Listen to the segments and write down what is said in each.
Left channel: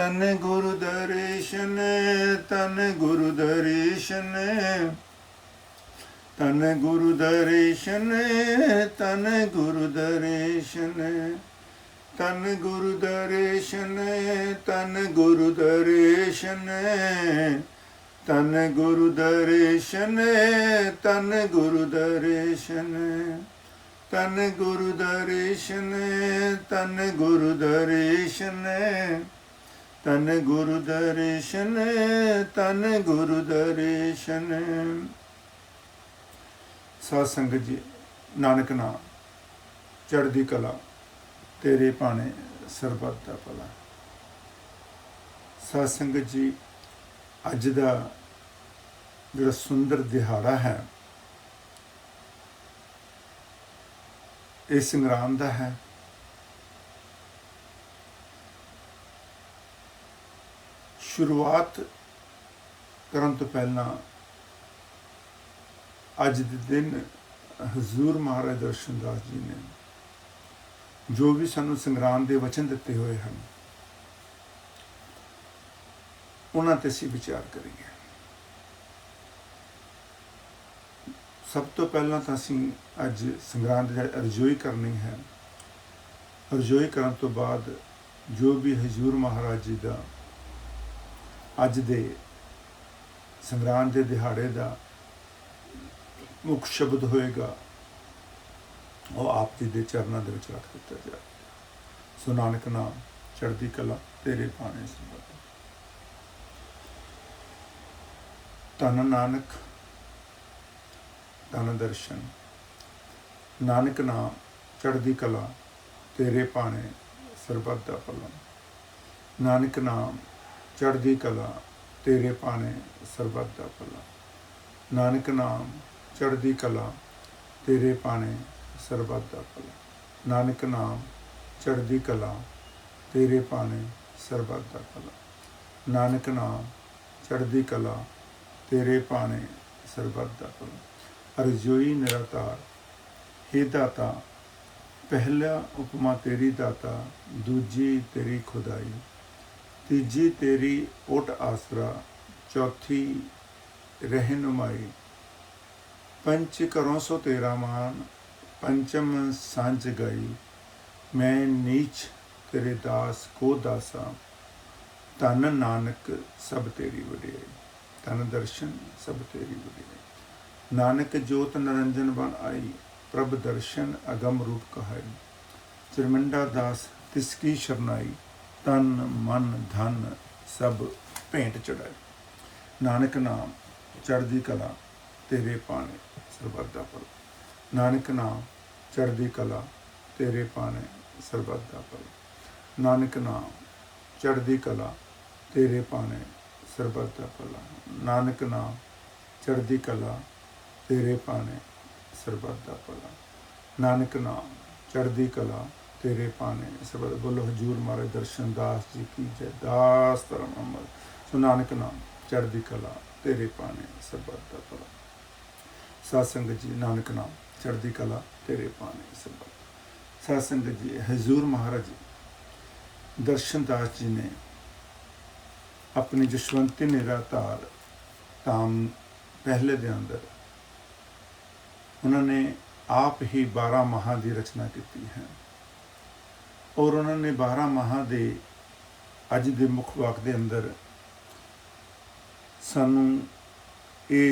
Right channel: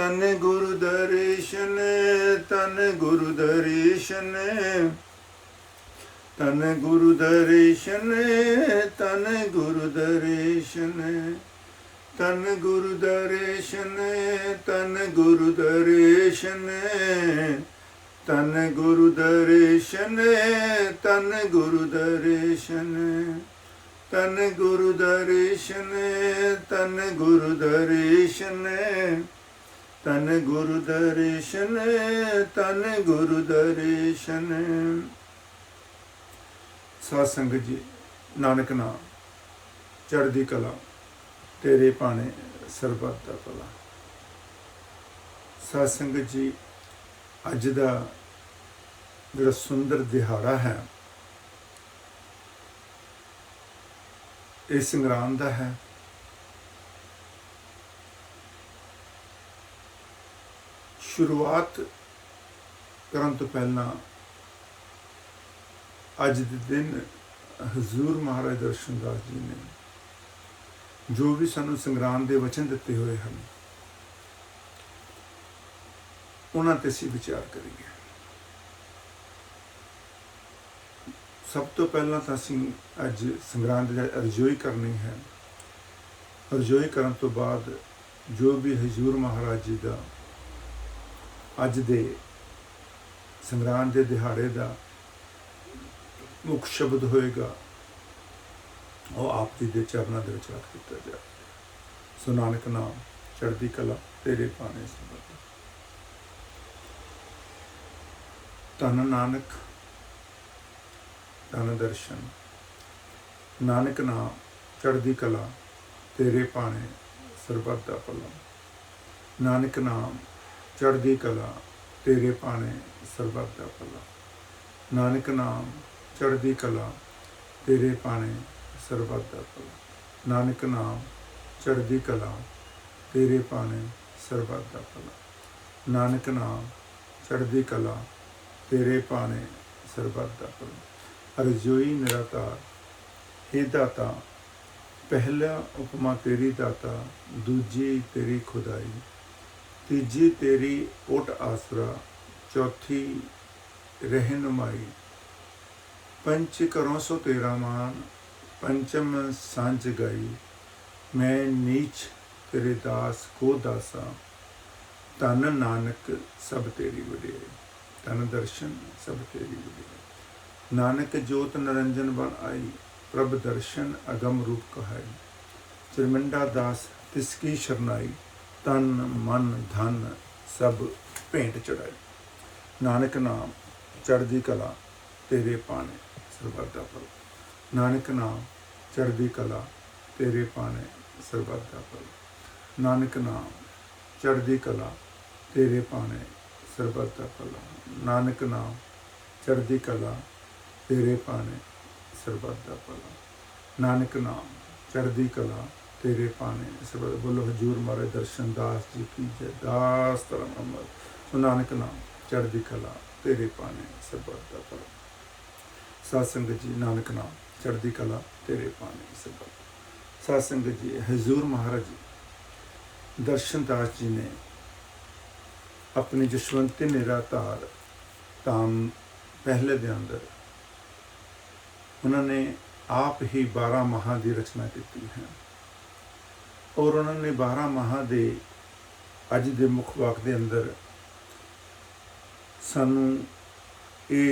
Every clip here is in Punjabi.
तन गुरु दर्शन तन गुरु दर्शन तन गुरु दर्शन तन गुरु दर्शन तन गुरु दर्शन तन गुरु दर्शन तन गुरु दर्शन तन गुरु दर्शन तन गुरु दर्शन तन गुरु दर्शन तन गुरु दर्शन तन गुरु दर्शन। साध संगत जी, नानक नाम चढ़दी कला तेरे भाने सरबत दा भला। साध संगत जी, अज दा जिहड़ा सुंदर दिहाड़ा है ये संग्राम दा है। शुरुआत करन तो पहला अज दे दिन हजूर महाराज दर्शन दास जी ने जो भी सानू संग्राम के वचन दिते हुए हैं उन्हां ते असीं विचार करिए। सब तो पहला तो असीं अज संग्राम की रजोई करनी है। रजोई करन तो बाद जो भी हजूर महाराज जी का अज दे संग्राम के दिहाड़े का मुख शब्द होएगा वो आप जी के चरणों के रख दिता जाए। सो नानक नाम चढ़दी कला तेरे भाने सरबत। धन नानक धन दर्शन नानक नाम चढ़दी कला तेरे भाने सरबत दा भला। नानक नाम चढ़दी कला तेरे भाने सरबत दा भला। नानक नाम चढ़दी कला तेरे भाने सरबत दा भला। नानक नाम चढ़दी कला तेरे भाने सरबत दा भला। नानक नाम चढ़दी कला तेरे भाने सरबत दा भला। रजोई निरातार हे दाता, पहला उपमा तेरी दाता, दूजी तेरी खुदाई, तीजी तेरी ओट आसरा, चौथी रहनुमाई, पंच करों सो तेरा मान, पंचम सांझ गई, मैं नीच तेरे दास को दासा, धन नानक सब तेरी वडियाई। धन दर्शन सब तेरी वडियाई। नानक जोत निरंजन बन आई, प्रभ दर्शन अगम रूप कहाई, चिरमिंडा दास तिसकी शरनाई, तन मन धन सब भेंट चढ़ाई। नानक नाम चढ़दी कला तेरे भाने सरबत दा भला। नानक नाम चढ़दी कला तेरे भाने सरबत दा भला। नानक नाम चढ़दी कला तेरे भाने सरबत दा भला। नानक नाम चढ़दी कला तेरे भाने सरबत दा भला। नानक नाम चढ़दी कला तेरे भाने सरबत। बोलो हजूर महाराज दर्शन दास जी की जय। दास धर्म अमर। तो नानक नाम चढ़दी कला तेरे भाने सरबत दा भला। साध संगत जी, नानक नाम चढ़दी कला तेरे भाने सरबत। साध संगत जी, हजूर महाराज दर्शन दास जी ने अपनी जशवंती निराधार धाम पहले दे अंदर उन्होंने आप ही 12 माह की रचना की है और उन्होंने 12 माह के अज के मुख वाक के अंदर सानू ये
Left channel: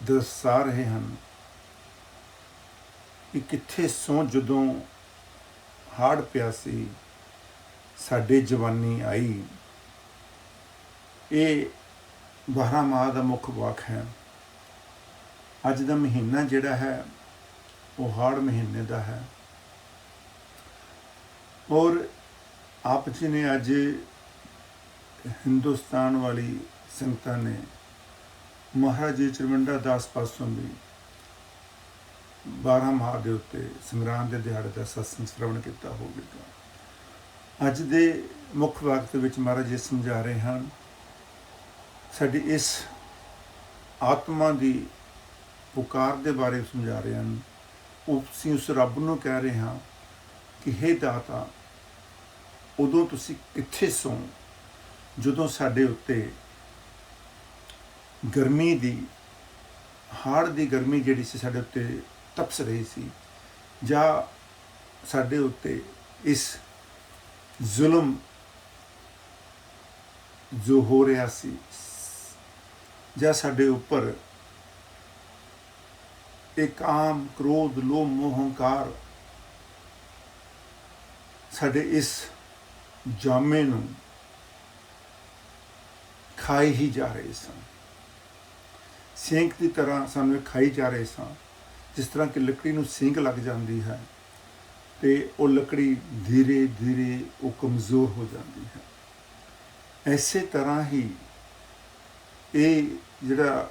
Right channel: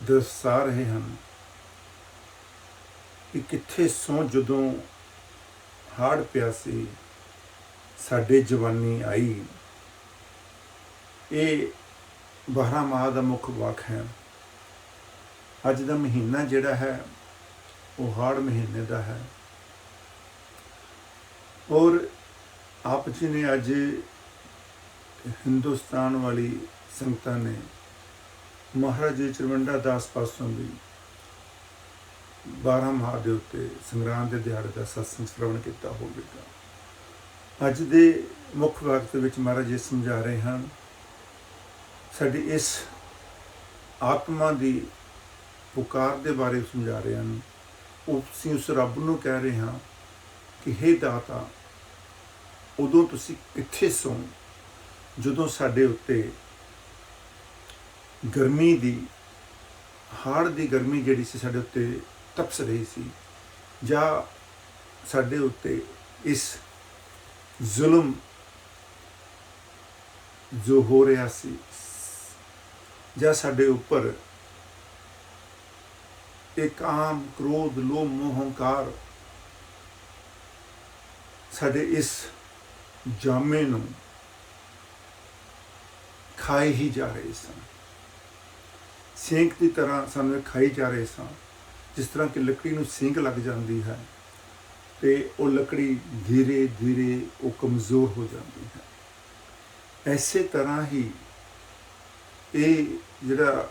दर्शा रहे हैं कि कित्थे सौ जदों हाड़ पिया सी साडे जवानी आई। ये 12 माह का मुख वाक है। अज का महीना जिहड़ा है वो हाड़ महीने का है और आप जी ने अज हिंदुस्तान वाली संगतां ने महाराज जी चिरमिंडा दास पासों भी 12 माह के उत्ते संग्राम के दिहाड़े का सत्संग श्रवण किया होगा। अज दे मुख वाक दे विच महाराज जी समझा रहे हैं साडी इस आत्मा की पुकार के बारे समझा रहे हैं। असीं उस रब नूं कह रहे हैं कि हे दाता ਉਦੋਂ ਤੁਸੀਂ ਕਿੱਥੇ ਸੌਂ ਜਦੋਂ ਸਾਡੇ ਉੱਤੇ ਗਰਮੀ ਦੀ ਹਾੜ ਦੀ ਗਰਮੀ ਜਿਹੜੀ ਸੀ ਸਾਡੇ ਉੱਤੇ ਤਪਸ ਰਹੀ ਸੀ, ਜਾਂ ਸਾਡੇ ਉੱਤੇ ਇਸ ਜ਼ੁਲਮ ਜੋ ਹੋ ਰਿਹਾ ਸੀ, ਜਾਂ ਸਾਡੇ ਉੱਪਰ ਇਹ ਕਾਮ, ਕ੍ਰੋਧ, ਲੋਭ, ਮੋਹ, ਹੰਕਾਰ ਸਾਡੇ ਇਸ ਜਾਮੇ ਨੂੰ ਖਾਈ ਹੀ ਜਾ ਰਹੇ ਸਨ। ਸਿੰਕ ਦੀ ਤਰ੍ਹਾਂ ਸਾਨੂੰ ਇਹ ਖਾਈ ਜਾ ਰਹੇ ਸਾਂ। ਜਿਸ ਤਰ੍ਹਾਂ ਕਿ ਲੱਕੜੀ ਨੂੰ ਸਿੰਕ ਲੱਗ ਜਾਂਦੀ ਹੈ ਤੇ ਉਹ ਲੱਕੜੀ ਧੀਰੇ ਧੀਰੇ ਉਹ ਕਮਜ਼ੋਰ ਹੋ ਜਾਂਦੀ ਹੈ। ਐਸੇ ਤਰ੍ਹਾਂ ਹੀ ਇਹ ਜਿਹੜਾ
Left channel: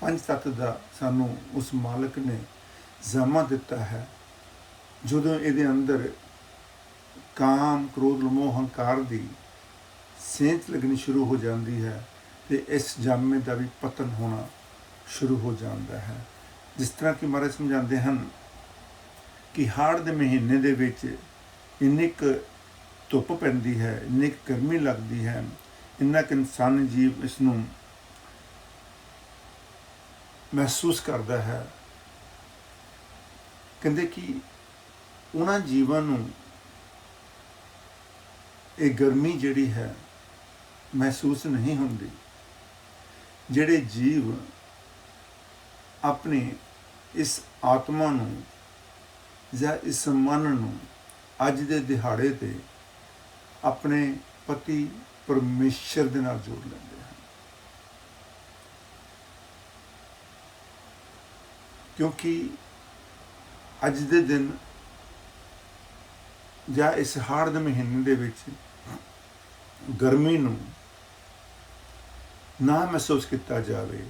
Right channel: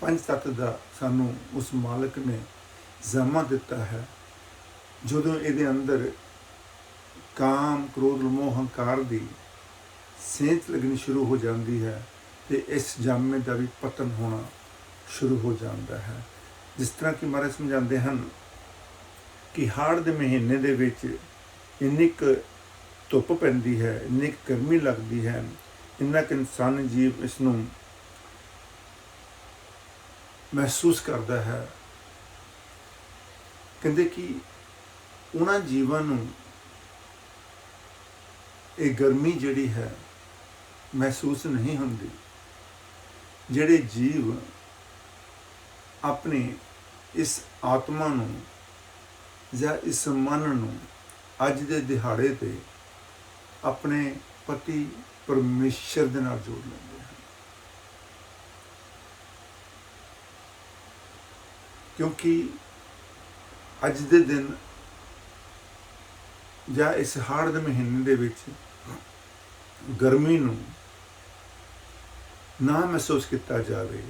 ਪੰਜ ਤੱਤ ਦਾ ਸਾਨੂੰ ਉਸ ਮਾਲਕ ਨੇ ਜ਼ਾਮਾ ਦਿੱਤਾ ਹੈ, ਜਦੋਂ ਇਹਦੇ ਅੰਦਰ ਕਾਮ, ਕ੍ਰੋਧ, ਮੋਹ, ਹੰਕਾਰ ਦੀ ਸੇਂਚ ਲੱਗਣੀ ਸ਼ੁਰੂ ਹੋ ਜਾਂਦੀ ਹੈ ਤੇ ਇਸ ਜਾਮੇ ਦਾ ਵੀ ਪਤਨ ਹੋਣਾ ਸ਼ੁਰੂ ਹੋ ਜਾਂਦਾ ਹੈ। ਜਿਸ ਤਰ੍ਹਾਂ ਕਿ ਮਹਾਰਾਜ ਸਮਝਾਉਂਦੇ ਹਨ ਕਿ ਹਾੜ ਦੇ ਮਹੀਨੇ ਦੇ ਵਿੱਚ ਇੰਨੀ ਕੁ ਧੁੱਪ ਪੈਂਦੀ ਹੈ, ਇੰਨੀ ਕੁ ਗਰਮੀ ਲੱਗਦੀ ਹੈ, ਇੰਨਾ ਕੁ ਇਨਸਾਨੀ ਜੀਵ ਇਸ ਨੂੰ ਮਹਿਸੂਸ ਕਰਦਾ ਹੈ। ਕਹਿੰਦੇ ਕਿ ਉਹਨਾਂ ਜੀਵਾਂ ਨੂੰ ਇਹ ਗਰਮੀ ਜਿਹੜੀ ਹੈ ਮਹਿਸੂਸ ਨਹੀਂ ਹੁੰਦੀ, ਜਿਹੜੇ ਜੀਵ ਆਪਣੀ ਇਸ ਆਤਮਾ ਨੂੰ ਜਾਂ ਇਸ ਮਨ ਨੂੰ ਅੱਜ ਦੇ ਦਿਹਾੜੇ ਤੇ ਆਪਣੇ ਪਤੀ ਪਰਮੇਸ਼ਰ ਦੇ ਨਾਲ ਜੋੜ ਲੈਂਦੇ ਹਨ। ਕਿਉਂਕਿ ਅੱਜ ਦੇ ਦਿਨ ਜਾਂ ਇਸ ਹਾੜ ਦੇ ਮਹੀਨੇ ਦੇ ਵਿੱਚ ਗਰਮੀ ਨੂੰ ਨਾ ਮਹਿਸੂਸ ਕੀਤਾ ਜਾਵੇ।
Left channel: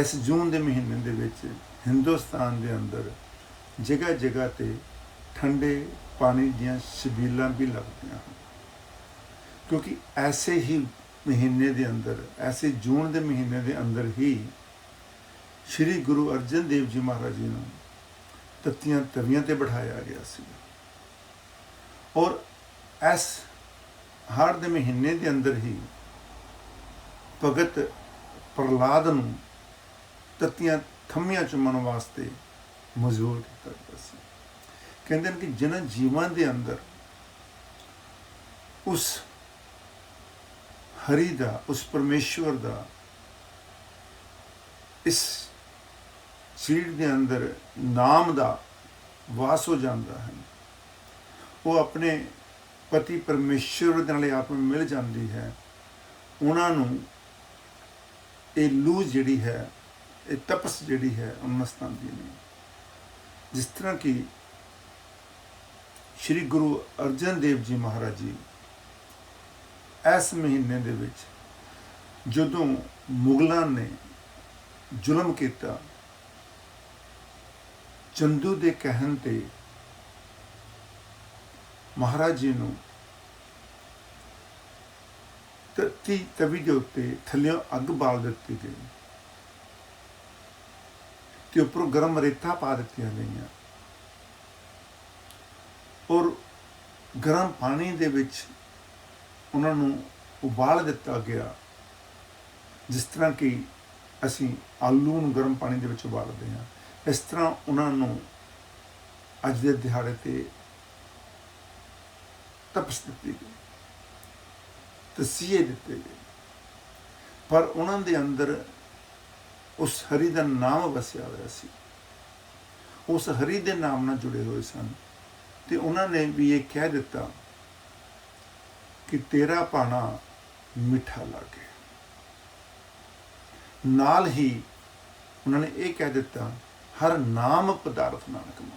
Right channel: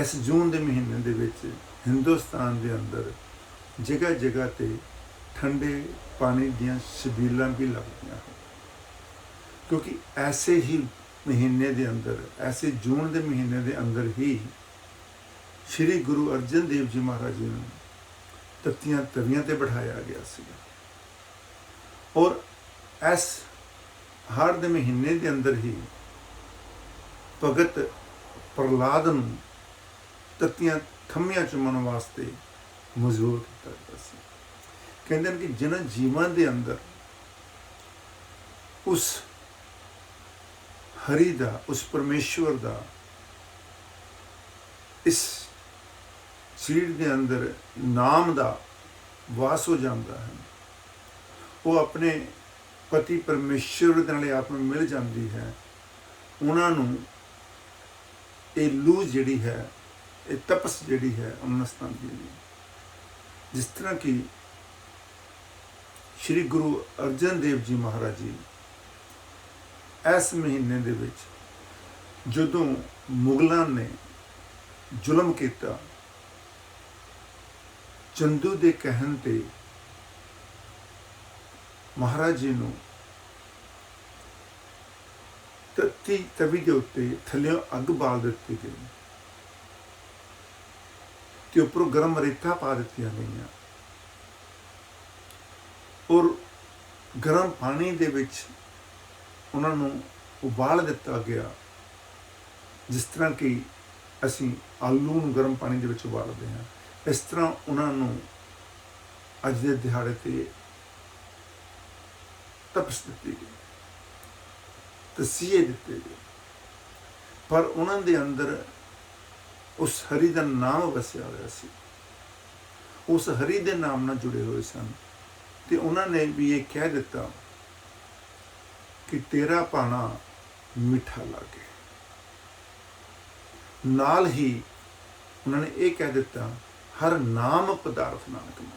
ਇਸ ਜੂਨ ਦੇ ਮਹੀਨੇ ਦੇ ਵਿੱਚ ਹਿੰਦੁਸਤਾਨ ਦੇ ਅੰਦਰ ਜਗ੍ਹਾ ਜਗ੍ਹਾ ਤੇ ਠੰਡੇ ਪਾਣੀ ਦੀਆਂ ਛਬੀਲਾਂ ਵੀ ਲੱਗਦੀਆਂ ਹਨ, ਕਿਉਂਕਿ ਐਸੇ ਹੀ ਮਹੀਨੇ ਦੇ ਅੰਦਰ, ਐਸੇ ਜੂਨ ਦੇ ਮਹੀਨੇ ਦੇ ਅੰਦਰ ਹੀ ਸ਼੍ਰੀ ਗੁਰੂ ਅਰਜਨ ਦੇਵ ਜੀ ਮਹਾਰਾਜ ਜੀ ਨੂੰ ਤੱਤੀਆਂ ਤਵੀਆਂ ਤੇ ਬਿਠਾਇਆ ਗਿਆ ਸੀ। ਔਰ ਇਸ ਹਾੜ ਦੇ ਮਹੀਨੇ ਦੇ ਅੰਦਰ ਹੀ ਭਗਤ ਪ੍ਰਹਲਾਦ ਨੂੰ ਤੱਤੀਆਂ ਥੰਮੀਆਂ ਚੁੰਮਣ ਵਾਸਤੇ ਮਜਬੂਰ ਕੀਤਾ ਗਿਆ ਸੀ। ਕਹਿੰਦੇ ਨੇ ਕਿ ਜਿਨ੍ਹਾਂ ਜੀਵਾਂ ਦੇ ਅੰਦਰ ਉਸ ਹਰੀ ਦਾ, ਉਸ ਪਰਮੇਸ਼ਵਰ ਦਾ ਇਸ ਸਰੀਰ ਦੇ ਅੰਦਰ ਨਾਮ ਦਾ ਵਾਸ ਹੋ ਜਾਂਦਾ ਹੈ, ਉਹ ਆਪਣੇ ਪਤੀ ਪਰਮੇਸ਼ਵਰ ਦੇ ਨਾਲ ਆਪ ਨੂੰ ਮਿਲ ਜਾਂਦੀ ਹੈ। ਉਹਨਾਂ ਨੂੰ ਇਹ ਲੂ ਜਿਹੜੀ ਹੈ, ਇਹ ਤਪਸ ਜਿਹੜੀ ਹੈ, ਉਹਨਾਂ ਸਤਾਉਂਦੀ ਨਹੀਂ। ਜਿਸ ਤਰ੍ਹਾਂ ਕਿ ਸ਼੍ਰੀ ਗੁਰੂ ਅਰਜਨ ਦੇਵ ਜੀ ਮਹਾਰਾਜ ਜੀ ਇਸ ਮਹੀਨੇ ਦੇ ਵਿੱਚ ਜਦੋਂ ਮੁਗਲਾਂ ਨੇ ਜ਼ੁਲਮ ਕੀਤਾ, ਚੰਦੂ ਦੇ ਕਹਿਣ ਤੇ ਮਹਾਰਾਜ ਜੀ ਨੂੰ ਤੱਤੀ ਤਵੀ ਦੇ ਉੱਤੇ ਥੱਲਿਓਂ ਅੱਗ ਬਾਲ ਦਿੱਤੀ ਗਈ ਤੇ ਉੱਪਰੋਂ ਗਰਮ ਰੇਤਾਂ ਪਾ ਦਿੱਤੀਆਂ ਗਈਆਂ, ਔਰ ਗਰਮ ਪਾਣੀ ਦੇ ਵਿੱਚ ਉਹਨਾਂ ਨੂੰ ਉਬਾਲ ਦਿੱਤਾ ਗਿਆ। ਜਿਸ ਤਰ੍ਹਾਂ ਕਿ ਅਸੀਂ ਆਲੂ ਨੂੰ ਗਰਮ ਪਾਣੀ ਦੇ ਵਿੱਚ ਉਬਾਲਦੇ ਹਾਂ, ਇਸ ਤਰ੍ਹਾਂ ਉਹਨਾਂ ਨੂੰ ਅੱਜ ਦੇ ਦਿਹਾੜੇ ਤੇ ਤਪਸ ਦਿੱਤੀ ਗਈ, ਤਸੀਹੇ ਦਿੱਤੇ ਗਏ। ਪਰ ਉਹਨਾਂ ਦੇ ਅੰਦਰ ਉਸ ਹਰੀ ਦਾ ਨਾਮ ਵਸਿਆ ਹੋਇਆ ਸੀ, ਉਸ ਹਰੀ ਦੇ ਨਾਮ ਨਾਲ ਜੁੜੇ ਹੋਏ ਸਨ। ਤੇ ਉਹਨਾਂ ਨੇ ਵੀ ਇਹ ਕਹਿ ਦਿੱਤਾ ਕਿ ਤੇਰਾ ਭਾਣਾ ਮਿੱਠਾ ਲੱਗੇ। ਨਾਲ ਹੀ ਉਹਨਾਂ ਨੇ ਇਹ ਕਹਿ ਦਿੱਤਾ, ਹਰ ਨਾਮ ਪਦਾਰਥ ਨਾਨਕ ਮੰਗੇ,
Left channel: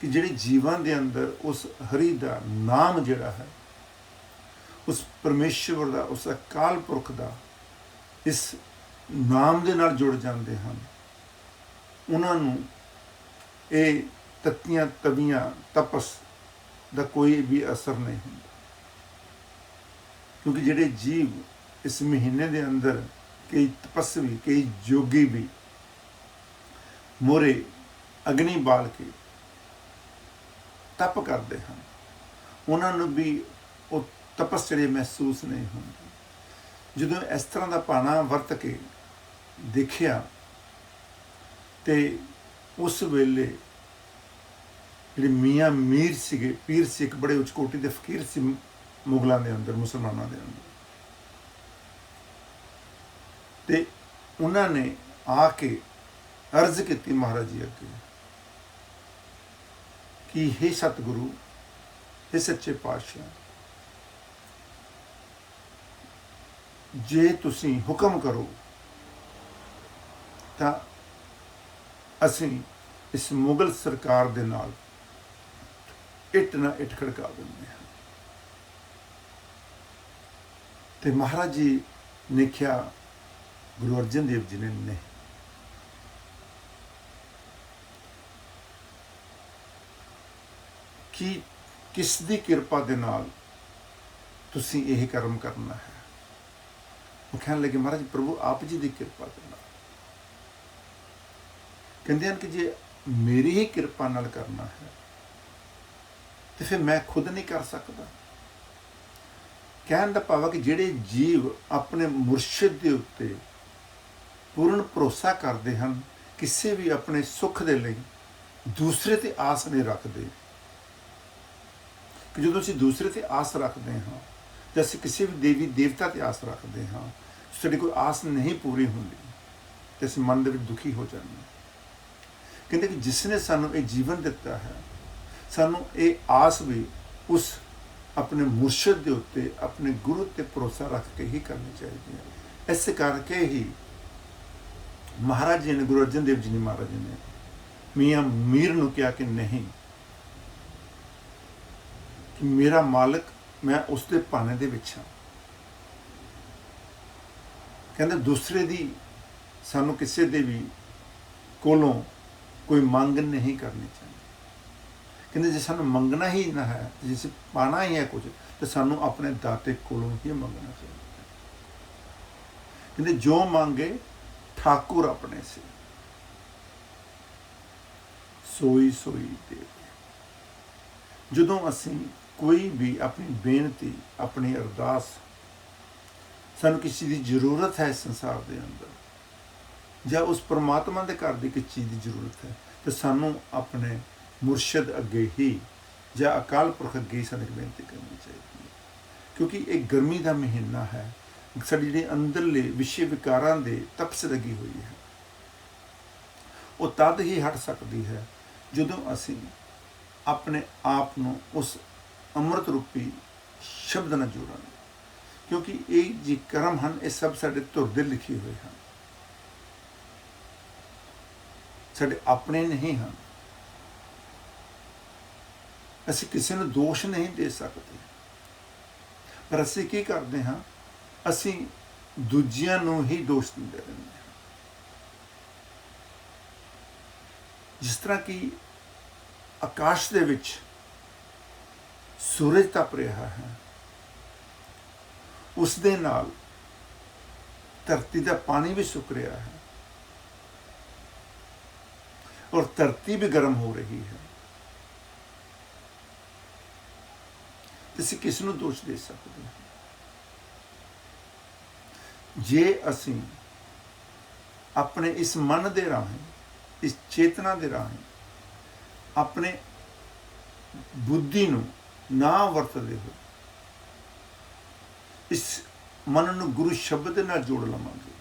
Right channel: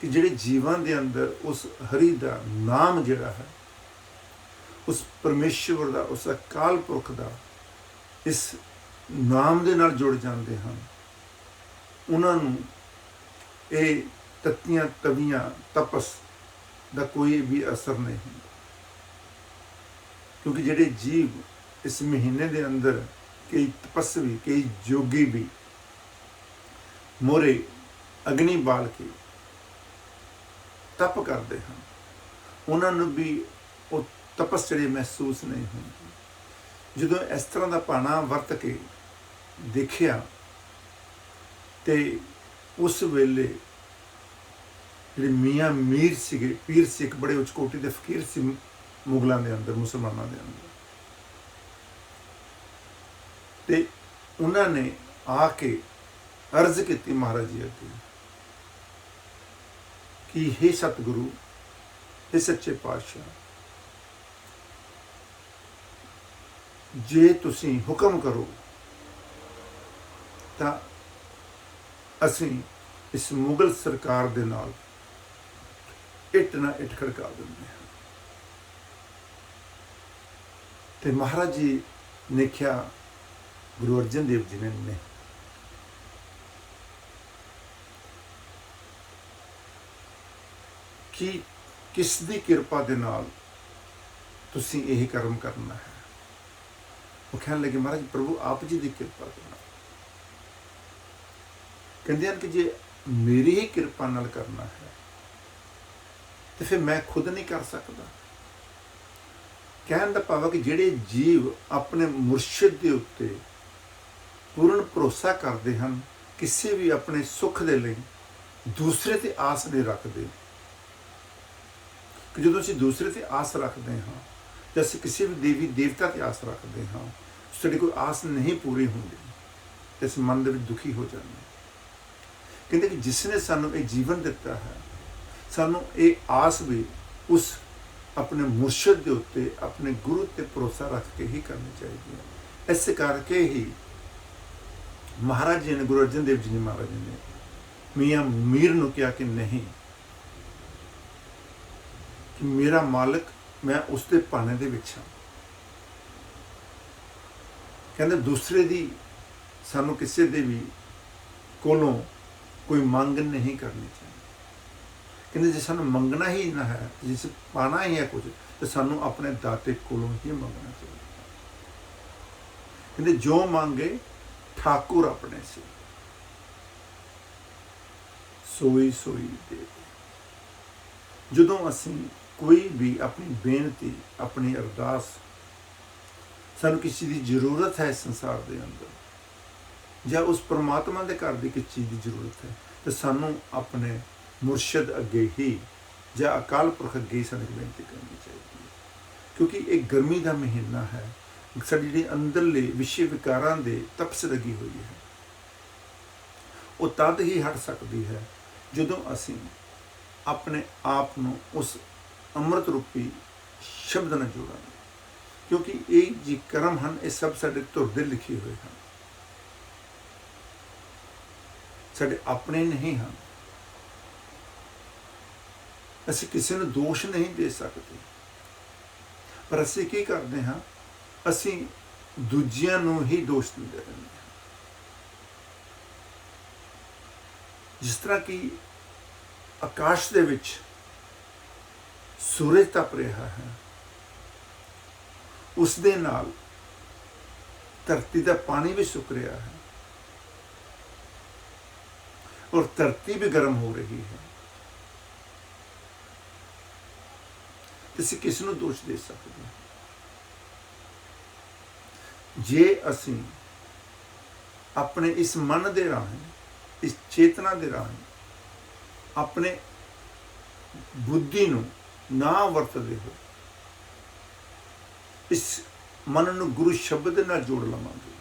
ਕਿ ਜਿਹੜੇ ਜੀਵਾਂ ਦੇ ਅੰਦਰ ਉਸ ਹਰੀ ਦਾ ਨਾਮ ਜਿਹੜਾ ਹੈ, ਉਸ ਪਰਮੇਸ਼ਵਰ ਦਾ, ਉਸ ਅਕਾਲ ਪੁਰਖ ਦਾ ਇਸ ਨਾਮ ਦੇ ਨਾਲ ਜੁੜ ਜਾਂਦੇ ਹਨ, ਉਹਨਾਂ ਨੂੰ ਇਹ ਤੱਤੀਆਂ ਤਵੀਆਂ ਤਪਸ ਦਾ ਕੋਈ ਵੀ ਅਸਰ ਨਹੀਂ ਹੁੰਦਾ। ਕਿਉਂਕਿ ਜਿਹੜੇ ਜੀਵ ਇਸ ਮਹੀਨੇ ਦੇ ਅੰਦਰ, ਕਈ ਤਪਸਵੀ, ਕਈ ਜੋਗੀ ਵੀ ਮੋਰੇ ਅਗਨੀ ਬਾਲ ਕੇ ਤਪ ਕਰਦੇ ਹਨ, ਉਹਨਾਂ ਨੂੰ ਵੀ ਉਹ ਤਪਸਚर्या ਮਹਿਸੂਸ ਨਹੀਂ ਹੁੰਦੀ। ਜਦੋਂ ਇਸ ਤਰ੍ਹਾਂ ਦਾ ਭਾਣਾ ਵਰਤ ਕੇ ਦੇਖਿਆ ਤੇ ਉਸ ਵੇਲੇ ਜਿਹੜੇ ਮੀਆਂ ਮੀਰ ਸੀਗੇ, ਪੀਰ ਸੀ, ਇੱਕ ਬੜੇ ਉੱਚ ਕੋਟੀ ਦੇ ਫਕੀਰ ਸੀ ਮੁਗਲਾਂ ਦੇ ਅੰਦਰ, ਮੁਸਲਮਾਨਾਂ ਦੇ ਅੰਦਰ, ਤੇ ਉਹਨਾਂ ਨੇ ਆ ਕੇ ਅਰਜ਼ ਕੀਤੀ ਮਹਾਰਾਜ ਜੀ ਅੱਗੇ ਕਿ हे ਸਤਿਗੁਰੂ, हे ਸੱਚੇ ਪਾਤਸ਼ਾਹ, ਜੇ ਤੁਸੀਂ ਹੁਕਮ ਕਰੋ ਤਾਂ ਅਸੀਂ ਇਸ ਮੁਗਲ ਸਰਕਾਰ ਦੇ ਨਾਲ ਇੱਟ ਨਾ ਇੱਟ ਖੜਕਾ ਦਿੰਦੇ ਹਾਂ। ਤੇ ਮਹਾਰਾਜ ਜੀ ਨੇ ਕਿਹਾ, ਗੁਰੂ ਅਰਜਨ ਦੇਵ ਜੀ ਨੇ ਨਹੀਂ, ਕਿ ਕਿਸ ਦੀ ਕਿਰਪਾ ਦੇ ਨਾਲ ਤੁਸੀਂ ਇਹ ਕਰਮ ਕਰਨਾ ਹੈ। ਉਹ ਕਹਿਣ ਲੱਗੇ, ਮਹਾਰਾਜ ਪ੍ਰਭੂ ਆਪ ਜੀ ਦੀ ਕਿਰਪਾ ਦੇ ਨਾਲ। ਕਹਿੰਦੇ ਹਨ ਕਿ ਜੇ ਮੇਰੀ ਹੀ ਕਿਰਪਾ ਨਾਲ ਕਰਨਾ ਹੈ ਤੇ ਫਿਰ ਮੈਂ ਖੁਦ ਨਹੀਂ ਕਰ ਸਕਦਾ। ਕਹਿਣ ਦਾ ਭਾਵ ਹੈ ਕਿ ਜਿਹੜੇ ਜੀਵ ਆਪਣੇ ਮੁਰਸ਼ਿਦ ਦੇ ਉੱਤੇ ਪੂਰਨ ਭਰੋਸਾ ਕਰਦੇ ਹਨ, ਕਿਸੇ ਵੀ ਆਪਣੇ ਸੁੱਖ ਦੇ ਲਈ ਦੂਸਰੇ ਤੇ ਆਸ ਨਹੀਂ ਰੱਖਦੇ, ਕਿ ਜਦੋਂ ਅਸੀਂ ਦੂਸਰੇ ਤੇ ਆਸ ਰੱਖਦੇ ਹਾਂ ਜਾਂ ਅਸੀਂ ਕਿਸੇ ਵੀ ਦੇਵੀ ਦੇਵਤਾ ਤੇ ਆਸ ਰੱਖਦੇ ਹਾਂ, ਸਾਡੀ ਕੋਈ ਆਸ ਨਹੀਂ ਪੂਰੀ ਹੁੰਦੀ ਤੇ ਅਸੀਂ ਮਨ ਦੇ ਵਿੱਚ ਦੁਖੀ ਹੋ ਜਾਂਦੇ ਹਾਂ। ਕਹਿੰਦੇ ਕਿ ਜਿਸ ਨੇ ਸਾਨੂੰ ਇਹ ਜੀਵਨ ਦਿੱਤਾ ਹੈ, ਸਾਨੂੰ ਇਹ ਆਸ ਵੀ ਉਸ ਆਪਣੇ ਮੁਰਸ਼ਿਦ ਦੇ ਉੱਤੇ, ਆਪਣੇ ਗੁਰੂ ਤੇ ਭਰੋਸਾ ਰੱਖ ਕੇ ਹੀ ਕਰਨੀ ਚਾਹੀਦੀ ਹੈ। ਇਸ ਕਰਕੇ ਹੀ ਮਹਾਰਾਜ ਜੀ ਨੇ, ਗੁਰੂ ਅਰਜਨ ਦੇਵ ਜੀ ਨੇ, ਮਹਾਰਾਜ ਜੀ ਨੇ ਮੀਆਂ ਮੀਰ ਨੂੰ ਕਿਹਾ ਕਿ ਨਹੀਂ, ਕਿ ਮੇਰਾ ਮਾਲਕ, ਮੈਂ ਉਸ ਦੇ ਭਾਣੇ ਦੇ ਵਿੱਚ ਹਾਂ। ਕਹਿੰਦੇ ਦੂਸਰੇ ਦੀ, ਸਾਨੂੰ ਕਿਸੇ ਦੇ ਵੀ ਕੋਲੋਂ ਕੋਈ ਮੰਗ ਨਹੀਂ ਕਰਨੀ ਚਾਹੀਦੀ। ਕਹਿੰਦੇ ਜੇ ਸਾਨੂੰ ਮੰਗਣਾ ਹੀ ਨਾ ਹੈ, ਜੇ ਪਾਣਾ ਹੀ ਹੈ ਕੁਝ, ਤਾਂ ਸਾਨੂੰ ਆਪਣੇ ਦਾਤੇ ਕੋਲੋਂ ਹੀ ਮੰਗਣਾ ਚਾਹੀਦਾ। ਕਹਿੰਦੇ ਜੋ ਮੰਗੇ ਠਾਕੁਰ ਆਪਣੇ ਸੇ, ਸੋਈ ਸੋਈ ਦੇਵੇ। ਜਦੋਂ ਅਸੀਂ ਕੋਈ ਵੀ ਆਪਣੀ ਬੇਨਤੀ, ਆਪਣੀ ਅਰਦਾਸ, ਸਾਨੂੰ ਕਿਸੇ ਦੀ ਜ਼ਰੂਰਤ ਹੈ ਸੰਸਾਰ ਦੇ ਅੰਦਰ, ਜਾਂ ਉਸ ਪਰਮਾਤਮਾ ਦੇ ਘਰ ਦੀ ਕਿਸੇ ਚੀਜ਼ ਦੀ ਜ਼ਰੂਰਤ ਹੈ, ਤਾਂ ਸਾਨੂੰ ਆਪਣੇ ਮੁਰਸ਼ਿਦ ਅੱਗੇ ਹੀ ਜਾਂ ਅਕਾਲ ਪੁਰਖ ਅੱਗੇ ਹੀ ਸਾਨੂੰ ਬੇਨਤੀ ਕਰਨੀ ਚਾਹੀਦੀ ਹੈ। ਕਿਉਂਕਿ ਇਹ ਗਰਮੀ ਦਾ ਮਹੀਨਾ ਹੈ, ਸਾਡੀ ਜਿਹੜੀ ਅੰਦਰਲੇ ਵਿਸ਼ੇ ਵਿਕਾਰਾਂ ਦੇ ਤਪਸ਼ ਲੱਗੀ ਹੋਈ ਹੈ, ਉਹ ਤਦ ਹੀ ਹਟ ਸਕਦੀ ਹੈ ਜਦੋਂ ਅਸੀਂ ਆਪਣੇ ਆਪ ਨੂੰ ਉਸ ਅੰਮ੍ਰਿਤ ਰੂਪੀ ਸ਼ਬਦ ਨਾਲ ਜੋੜਾਂਗੇ। ਕਿਉਂਕਿ ਇਹ ਜੀ ਕਰਮ ਹਨ, ਇਹ ਸਭ ਸਾਡੇ ਧੁਰ ਦੇ ਲਿਖੇ ਹੋਏ ਹਨ, ਸਾਡੇ ਆਪਣੇ ਨਹੀਂ ਹਨ। ਅਸੀਂ ਕਿਸੇ ਨੂੰ ਦੋਸ਼ ਨਹੀਂ ਦੇ ਸਕਦੇ, ਪਰ ਅਸੀਂ ਕੀ ਕਰਦੇ ਹਾਂ, ਅਸੀਂ ਦੂਜਿਆਂ ਨੂੰ ਹੀ ਦੋਸ਼ ਦਿੰਦੇ ਰਹਿੰਦੇ ਹਾਂ। ਜਿਸ ਤਰ੍ਹਾਂ ਕਿ ਆਕਾਸ਼ ਦੇ ਵਿੱਚ ਸੂਰਜ ਤਪ ਰਿਹਾ ਹੈ, ਉਸ ਦੇ ਨਾਲ ਧਰਤੀ ਦਾ ਪਾਣੀ ਵੀ ਸੁੱਕ ਰਿਹਾ ਹੈ ਔਰ ਧਰਤੀ ਵੀ ਗਰਮ ਹੋ ਰਹੀ ਹੈ। ਅਸੀਂ ਕਿਸ ਨੂੰ ਦੋਸ਼ ਦੇ ਸਕਦੇ ਹਾਂ? ਜੇ ਅਸੀਂ ਆਪਣੇ ਇਸ ਮਨ ਦੇ ਰਾਹੀਂ, ਇਸ ਚੇਤਨਾ ਦੇ ਰਾਹੀਂ ਆਪਣੇ ਬੁੱਧੀ ਨੂੰ ਨਾ ਵਰਤਦੇ ਹੋ, ਇਸ ਮਨ ਨੂੰ ਗੁਰੂ ਸ਼ਬਦ ਦੇ ਨਾਲ ਜੋੜ ਲਵਾਂਗੇ,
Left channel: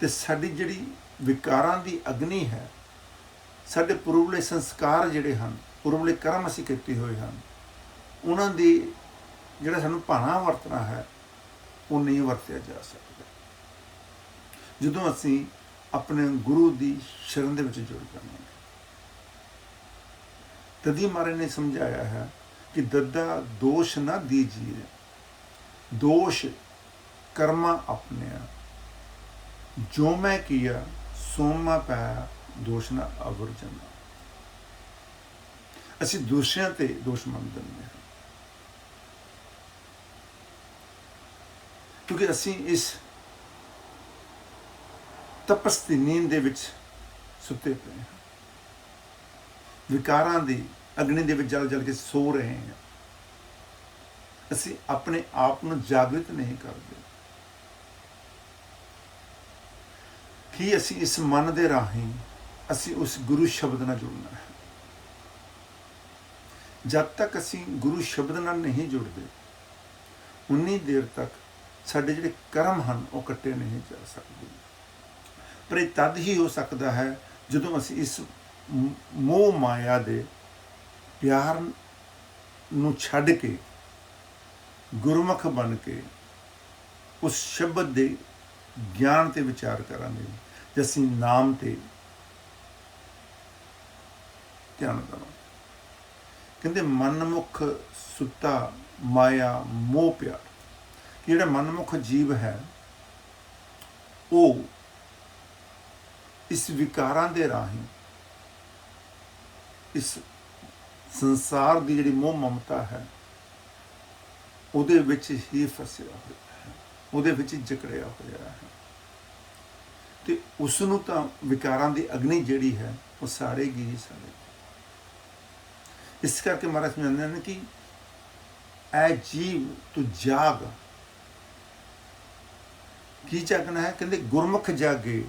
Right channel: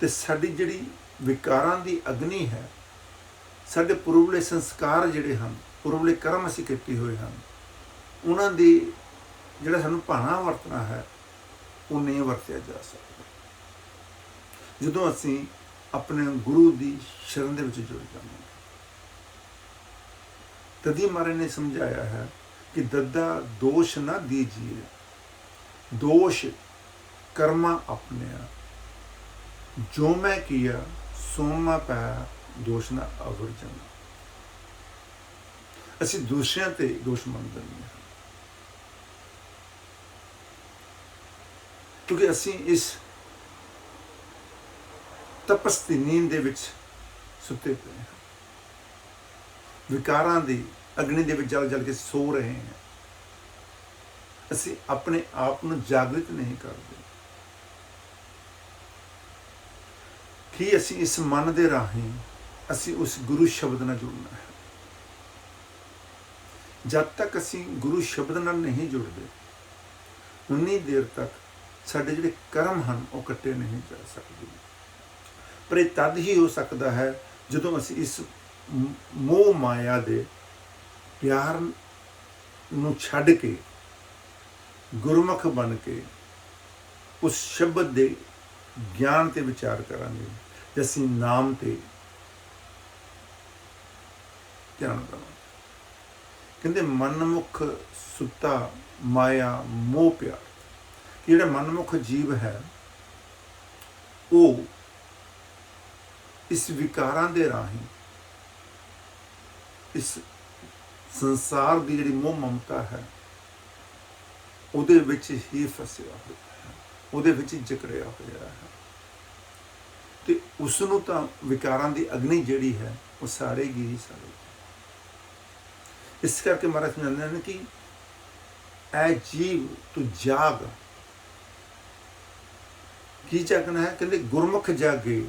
ਤੇ ਸਾਡੀ ਜਿਹੜੀ ਵਿਕਾਰਾਂ ਦੀ ਅਗਨੀ ਹੈ, ਸਾਡੇ ਪੁਰਵਲੇ ਸੰਸਕਾਰ ਜਿਹੜੇ ਹਨ, ਪੁਰਵਲੇ ਕਰਮ ਅਸੀਂ ਕੀਤੇ ਹੋਏ ਹਨ, ਉਹਨਾਂ ਦੀ ਜਿਹੜਾ ਸਾਨੂੰ ਭਾਣਾ ਵਰਤਣਾ ਹੈ, ਉਹ ਨਹੀਂ ਵਰਤਿਆ ਜਾ ਸਕਦਾ ਜਦੋਂ ਅਸੀਂ ਆਪਣੇ ਗੁਰੂ ਦੀ ਸ਼ਰਨ ਦੇ ਵਿੱਚ ਜੁੜ ਜਾਵਾਂਗੇ। ਤਦੀ ਮਹਾਰਾਜ ਨੇ ਸਮਝਾਇਆ ਹੈ ਕਿ ਦੱਦਾ ਦੋਸ਼ ਨਾ ਦੀਜੀਏ, ਦੋਸ਼ ਕਰਮਾ ਆਪਣਿਆ, ਜੋ ਮੈਂ ਕੀਆ ਸੋ ਮੈਂ ਪਾਇਆ, ਦੋਸ਼ ਨਾ ਅਵਰਜਨਾ। ਅਸੀਂ ਦੂਸਰਿਆਂ ਤੇ ਦੋਸ਼ ਮੰਨ ਦਿੰਦੇ ਹਾਂ, ਕਿਉਂਕਿ ਅਸੀਂ ਇਸ ਤਪਸ ਦੀ ਨੀਂਦ ਦੇ ਵਿੱਚ ਸੁੱਤੇ ਪਏ ਹਾਂ। ਵਿਕਾਰਾਂ ਦੀ ਅਗਨੀ ਦੇ ਵਿੱਚ ਜਲ ਜਲ ਕੇ ਸੋ ਰਹੇ ਹਾਂ। ਅਸੀਂ ਆਪਣੇ ਆਪ ਨੂੰ ਜਾਗਰਿਤ ਨਹੀਂ ਕਰਦੇ ਕਿ ਅਸੀਂ ਇਸ ਮਨ ਦੇ ਰਾਹੀਂ ਅਸੀਂ ਉਸ ਗੁਰੂ ਸ਼ਬਦ ਨਾਲ ਜੁੜਨਾ ਹੈ। ਜਦ ਤੱਕ ਅਸੀਂ ਗੁਰੂ ਸ਼ਬਦ ਨਾਲ ਨਹੀਂ ਜੁੜਦੇ ਉਨੀ ਦੇਰ ਤੱਕ ਸਾਡੇ ਜਿਹੜੇ ਕਰਮ ਹਨ ਉਹ ਕੱਟੇ ਨਹੀਂ ਜਾ ਸਕਦੇ। ਪਰ ਇਹ ਤਦ ਹੀ ਹੋ ਸਕਦਾ ਹੈ ਜਦੋਂ ਅਸੀਂ ਇਸ ਮੋਹ ਮਾਇਆ ਦੇ ਪਿਆਰ ਨੂੰ ਛੱਡ ਕੇ ਗੁਰਮੁਖ ਬਣ ਕੇ ਉਸ ਸ਼ਬਦ ਦੇ ਗਿਆਨ ਤੇ ਵਿਚਾਰ ਕਰਾਂਗੇ, ਜੇ ਅਸੀਂ ਨਾਮ ਤੇ ਧਿਆਨ ਦੇਵਾਂਗੇ। ਕਹਿੰਦੇ ਮਨਮੁਖ ਸੁੱਤਾ ਮਾਇਆ ਮੋਹ ਪਿਆਰ, ਕਿ ਜਿਹੜਾ ਮਨਮੁਖ ਜੀਵ ਹੈ ਉਹ ਇਸ ਵਿਕਾਰਾਂ ਦੇ ਰਾਹੀਂ ਇਸ ਸੰਸਾਰ ਦੀ ਜਿਹੜੀ ਮੋਹ ਮਮਤਾ ਹੈ ਉਹਦੇ ਵਿੱਚ ਹੀ ਫਸਿਆ ਹੋਇਆ ਹੈ, ਉਹਦੇ ਵਿੱਚ ਹੀ ਜਕੜਿਆ ਹੋਇਆ ਹੈ। ਤੇ ਉਸ ਨੂੰ ਤਾਂ ਵਿਕਾਰਾਂ ਦੀ ਅਗਨੀ ਜਿਹੜੀ ਹੈ ਉਹ ਸਾੜੇਗੀ ਹੀ ਸਾੜੇਗੀ। ਇਸ ਕਰਕੇ ਮਹਾਰਾਜ ਸਮਝਾਉਂਦੇ ਨੇ ਕਿ ਐ ਜੀਵ ਤੂੰ ਜਾਗ। ਕੀ ਜਾਗਣਾ ਹੈ? ਕਹਿੰਦੇ ਗੁਰਮੁਖ ਜਾਗੇ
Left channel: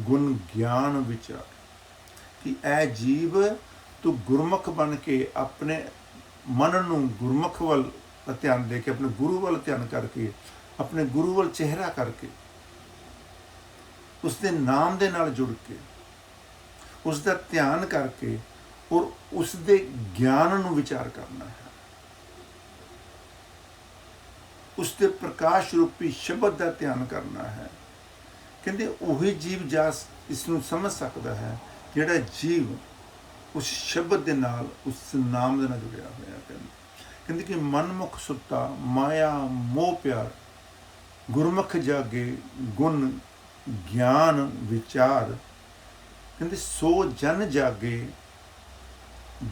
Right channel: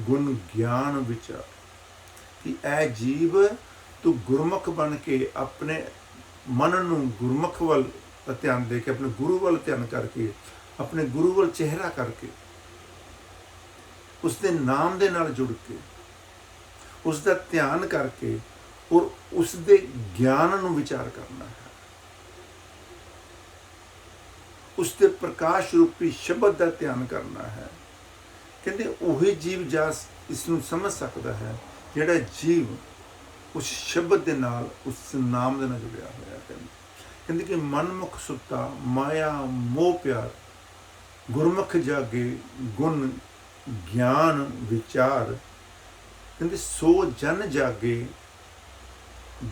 ਗੁਣ ਗਿਆਨ ਵਿਚਾਰ, ਕਿ ਐ ਜੀਵ ਤੂੰ ਗੁਰਮੁਖ ਬਣ ਕੇ ਆਪਣੇ ਮਨ ਨੂੰ ਗੁਰਮੁਖ ਵੱਲ ਧਿਆਨ ਦੇ ਕੇ, ਆਪਣੇ ਗੁਰੂ ਵੱਲ ਧਿਆਨ ਕਰਕੇ, ਆਪਣੇ ਗੁਰੂ ਵੱਲ ਚਿਹਰਾ ਕਰਕੇ, ਉਸ ਦੇ ਨਾਮ ਦੇ ਨਾਲ ਜੁੜ ਕੇ, ਉਸ ਦਾ ਧਿਆਨ ਕਰਕੇ ਔਰ ਉਸ ਦੇ ਗਿਆਨ ਨੂੰ ਵਿਚਾਰ ਕਰਨਾ ਹੈ। ਉਸ ਦੇ ਪ੍ਰਕਾਸ਼ ਰੂਪੀ ਸ਼ਬਦ ਦਾ ਧਿਆਨ ਕਰਨਾ ਹੈ। ਕਹਿੰਦੇ ਉਹੀ ਜੀਵ ਜਾ ਇਸ ਨੂੰ ਸਮਝ ਸਕਦਾ ਹੈ ਜਿਹੜਾ ਜੀਵ ਉਸ ਸ਼ਬਦ ਦੇ ਨਾਲ, ਉਸ ਨਾਮ ਦੇ ਨਾਲ ਜੁੜਿਆ ਹੋਇਆ। ਕਹਿੰਦੇ ਕਿ ਮਨਮੁਖ ਸੁੱਤਾ ਮਾਇਆ ਮੋਹ ਪਿਆਰ, ਗੁਰਮੁਖ ਜਾਗੇ ਗੁਣ ਗਿਆਨ ਵਿਚਾਰ। ਕਹਿੰਦੇ ਸੋ ਜਨ ਜਾਗੇ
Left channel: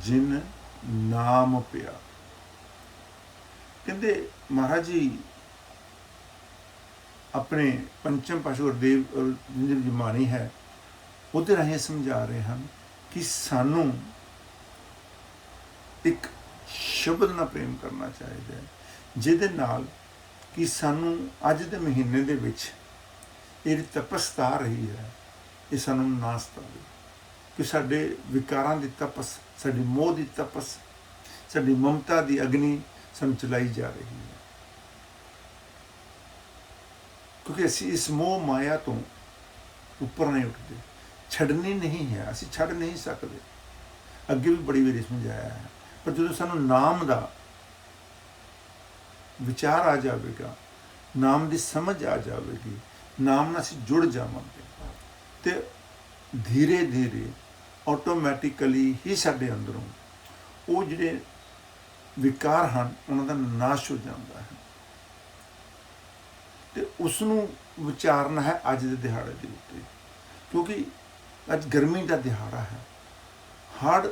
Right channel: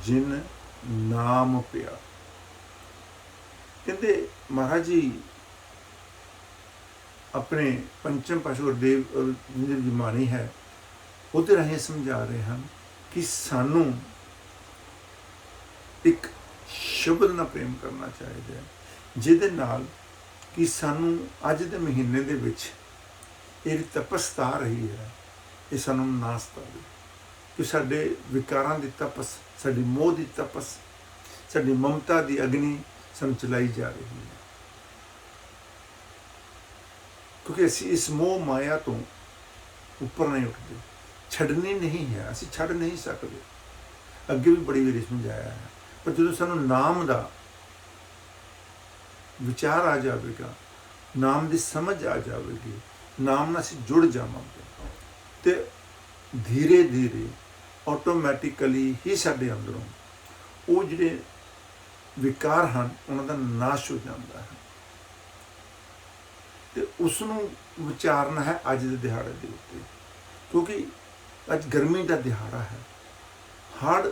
ਜਿਨ ਨਾਮ ਪਿਆ। ਕਹਿੰਦੇ ਮਹਾਰਾਜ ਜੀ ਆਪਣੇ ਪੰਚਮ ਪਾਤਸ਼ਾਹ ਗੁਰਦੇਵ ਜੀ ਬਾਣੀ ਹੈ ਉਹਦੇ ਰਾਹੀਂ ਸਮਝਾ ਰਹੇ ਹਨ ਕਿ ਸਾਨੂੰ ਇੱਕ ਸ਼ਬਦ ਨਾਲ ਪ੍ਰੇਮ ਕਰਨਾ ਚਾਹੀਦਾ ਹੈ, ਜਿਹਦੇ ਨਾਲ ਕਿ ਸਾਨੂੰ ਅੱਜ ਦੇ ਮਹੀਨੇ ਦੇ ਵਿੱਚ ਇਹ ਤਪਸ ਆ ਰਹੀ ਹੈ ਇਹ ਸਾਨੂੰ ਨਾ ਸਤਾਵੇ, ਕਿ ਸਾਡੇ ਵਿਕਾਰਾਂ ਦੀ ਤਪਸ, ਸਾਡੀ ਮੋਹ ਦੀ ਤਪਸ, ਸਾਡੀ ਮਮਤਾ ਦੀ ਅਗਨੀ ਸਾਨੂੰ ਚਲਾਈ ਜਾ ਰਹੀ ਹੈ। ਕਿਉਂਕਿ ਅਸੀਂ ਇਸ ਮੋਹ ਮਾਇਆ ਤੋਂ ਉੱਪਰ ਨਹੀਂ ਉੱਠਦੇ, ਛੱਡਣੀ ਨਹੀਂ ਹੈ, ਅਸੀਂ ਛੱਡ ਨਹੀਂ ਸਕਦੇ। ਅੱਗੇ ਵੀ ਬੜੀ ਵਾਰੀ ਸਮਝਾਇਆ ਹੈ। ਪਰ ਜਦੋਂ ਸਾਨੂੰ ਨਾਮ ਦਾ ਵਿਚਾਰ ਆ ਜਾਵੇਗਾ, ਨਾਮ ਦੀ ਸਮਝ ਆ ਜਾਵੇਗੀ, ਨਾਮ ਨਾਲ ਅਸੀਂ ਜੁੜ ਜਾਵਾਂਗੇ, ਤੇ ਧੀਰੇ ਧੀਰੇ ਆਟੋਮੈਟਿਕਲੀ ਹੀ ਸਾਡੇ ਅੰਦਰੋਂ ਉਹ ਜਿਹੜੇ ਵਿਕਾਰ ਹਨ ਉਹਨਾਂ ਦਾ ਨਾਸ਼ ਹੋ ਜਾਂਦਾ ਹੈ। ਤੇ ਉਸ ਨੂੰ ਵਿਚਾਰਨਾ ਹੈ ਅੱਜ ਦੇ ਦਿਹਾੜੇ ਦੇ ਉੱਤੇ, ਕਿਉਂਕਿ ਅੱਜ ਗਰਮੀ ਦਾ ਦਿਹਾੜਾ ਹੈ। ਹੜ੍ਹ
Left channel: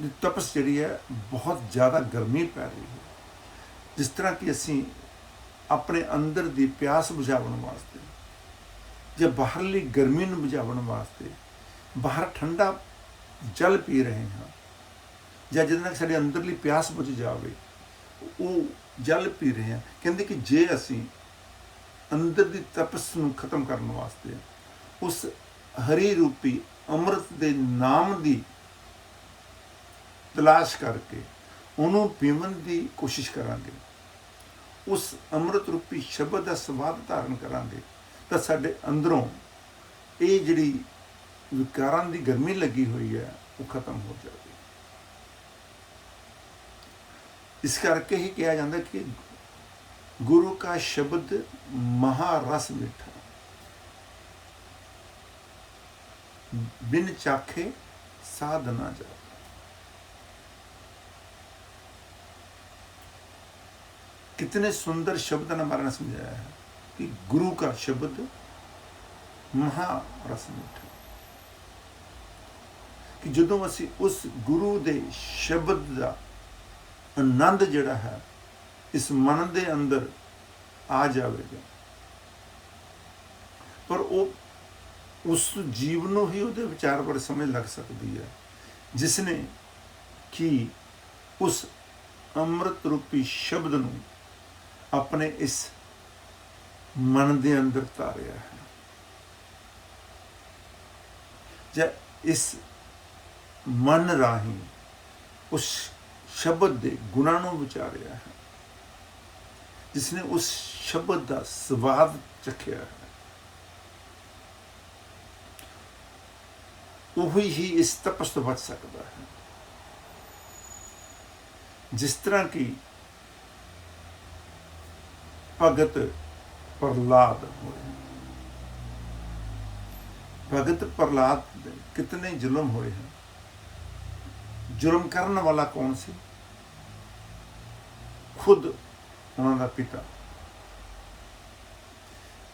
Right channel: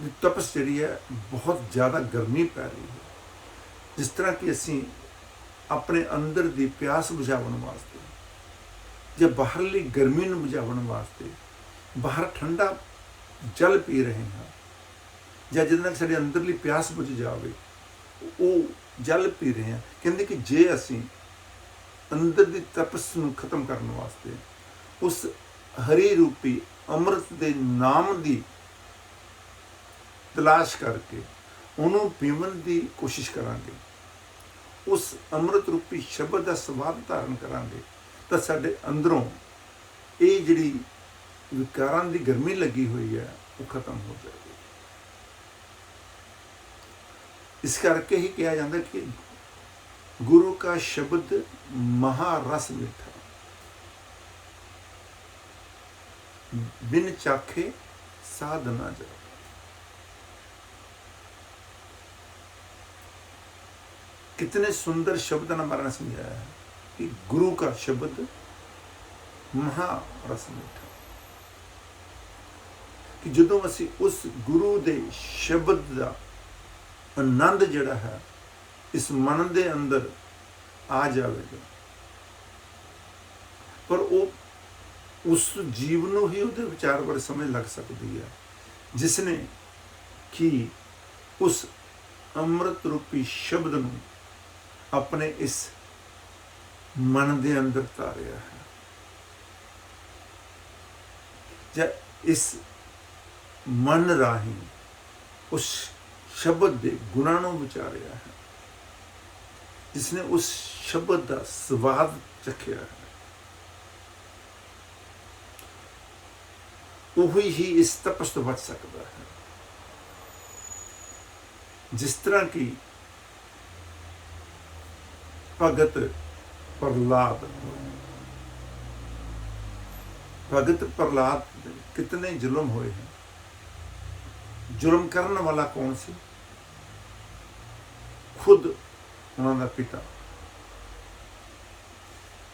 ਦੀ ਤਪਸ ਜਿਹੜੀ ਹੈ ਬਹੁਤ ਜ਼ਿਆਦਾ ਗਰਮੀ ਪੈ ਰਹੀ ਹੈ। ਜਿਸ ਤਰ੍ਹਾਂ ਕਿ ਅਸੀਂ ਆਪਣੇ ਅੰਦਰ ਦੀ ਪਿਆਸ ਬੁਝਾਉਣ ਵਾਸਤੇ ਜਾਂ ਬਾਹਰਲੀ ਗਰਮੀ ਨੂੰ ਬੁਝਾਉਣ ਵਾਸਤੇ ਬਾਹਰ ਠੰਡਾ ਜਲ ਪੀ ਰਹੇ ਹਾਂ, ਜਾਂ ਜਿਹਦੇ ਨਾਲ ਸਾਡੇ ਅੰਦਰਲੀ ਪਿਆਸ ਬੁਝ ਜਾਵੇ ਉਹ ਜਲ ਪੀ ਰਹੇ ਹਾਂ। ਕਹਿੰਦੇ ਕਿ ਜੇ ਅਸੀਂ ਅੰਦਰ ਦੀ ਤਪਸ ਨੂੰ ਖਤਮ ਕਰਨ ਵਾਸਤੇ ਉਸ ਹਰੀ ਰੂਪੀ ਅੰਮ੍ਰਿਤ ਦੇ ਨਾਮ ਦੀ ਤਲਾਸ਼ ਕਰਕੇ ਉਹਨੂੰ ਪੀਵਣ ਦੀ ਕੋਸ਼ਿਸ਼ ਕਰਾਂਗੇ, ਉਸ ਅੰਮ੍ਰਿਤ ਰੂਪੀ ਸ਼ਬਦ ਦਾ ਸਵਾਦ ਧਾਰਨ ਕਰਾਂਗੇ, ਤਾਂ ਸਾਡੇ ਅੰਦਰੋਂ ਇਹ ਜਿਹੜੀ ਵਿਕਾਰਾਂ ਦੀ ਗਰਮੀ ਲੱਗੀ ਹੋਈ ਹੈ ਉਹ ਖਤਮ ਹੋ ਜਾਵੇਗੀ। ਇਸ ਕਰਕੇ ਹੀ ਕਿਹਾ ਜਾਂਦਾ ਕਿ ਗੁਰੂ ਕਾ ਸ਼ਬਦ ਮਹਾਰਸ ਮਿੱਠਾ, ਬਿਨ ਚਾਖੇ ਸਾਧ ਨਾ ਜਾਤਾ। कितने सुंदर शब्द ने हमारा समझाया है कि गुरु का शब्द महारस मीठा, कि जदों असी उस गुरु दे शब्द का आनंद जिहड़ा है इस मन दे अंदर आ जाएगा, पर वो उस जीव नूं ही उहदे विचार बड़े समझ लग सकती है जिसने कि उस ਅੰਮ੍ਰਿਤ ਰੂਪੀ ਸ਼ਬਦ ਨੂੰ ਆਪਣੇ ਇਸ ਮਨ ਦੇ ਅੰਦਰ ਧਾਰਿਆ ਹੈ, ਜਾਂ ਇਸ ਮਨ ਰਾਹੀਂ ਉਸ ਸ਼ਬਦ ਦੇ ਗੁਣਾਂ ਨੂੰ ਵਿਚਾਰਿਆ ਹੈ, ਜਿਸਨੇ ਉਸ ਸ਼ਬਦ ਦਾ ਸਵਾਦ ਚਖਿਆ ਹੈ, ਉਹੀ ਹੀ ਇਸ ਤਪਸ ਤੋਂ ਬਚ ਸਕਦਾ ਹੈ। जिस तरह की भगत प्रहलाद होए, भगत प्रहलाद कितने जुल्म होए हैं। जुल्म करने वाला कौन सी? खुद उन्होंने पिता,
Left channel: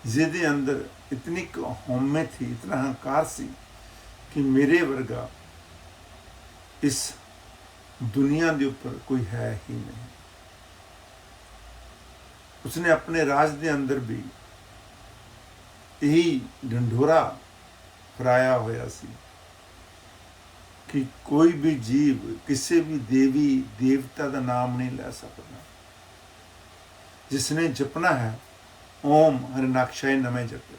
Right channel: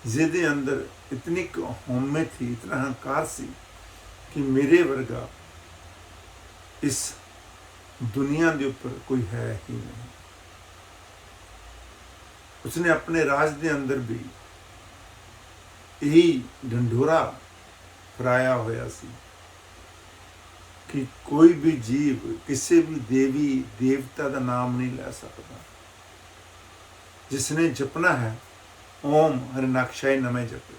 जिहदे अंदर इतनी हौमे थी, इतना अहंकार सी कि मेरे वर्गा इस दुनिया के उपर कोई है ही नहीं। उसने अपने राज के अंदर भी यही ढंढोरा फराया होया सी कि कोई भी जीव किसी भी देवी देवता का नाम नहीं ले सकता। जिसने जपना है ओम हरिनाक्षाय नमः जपे।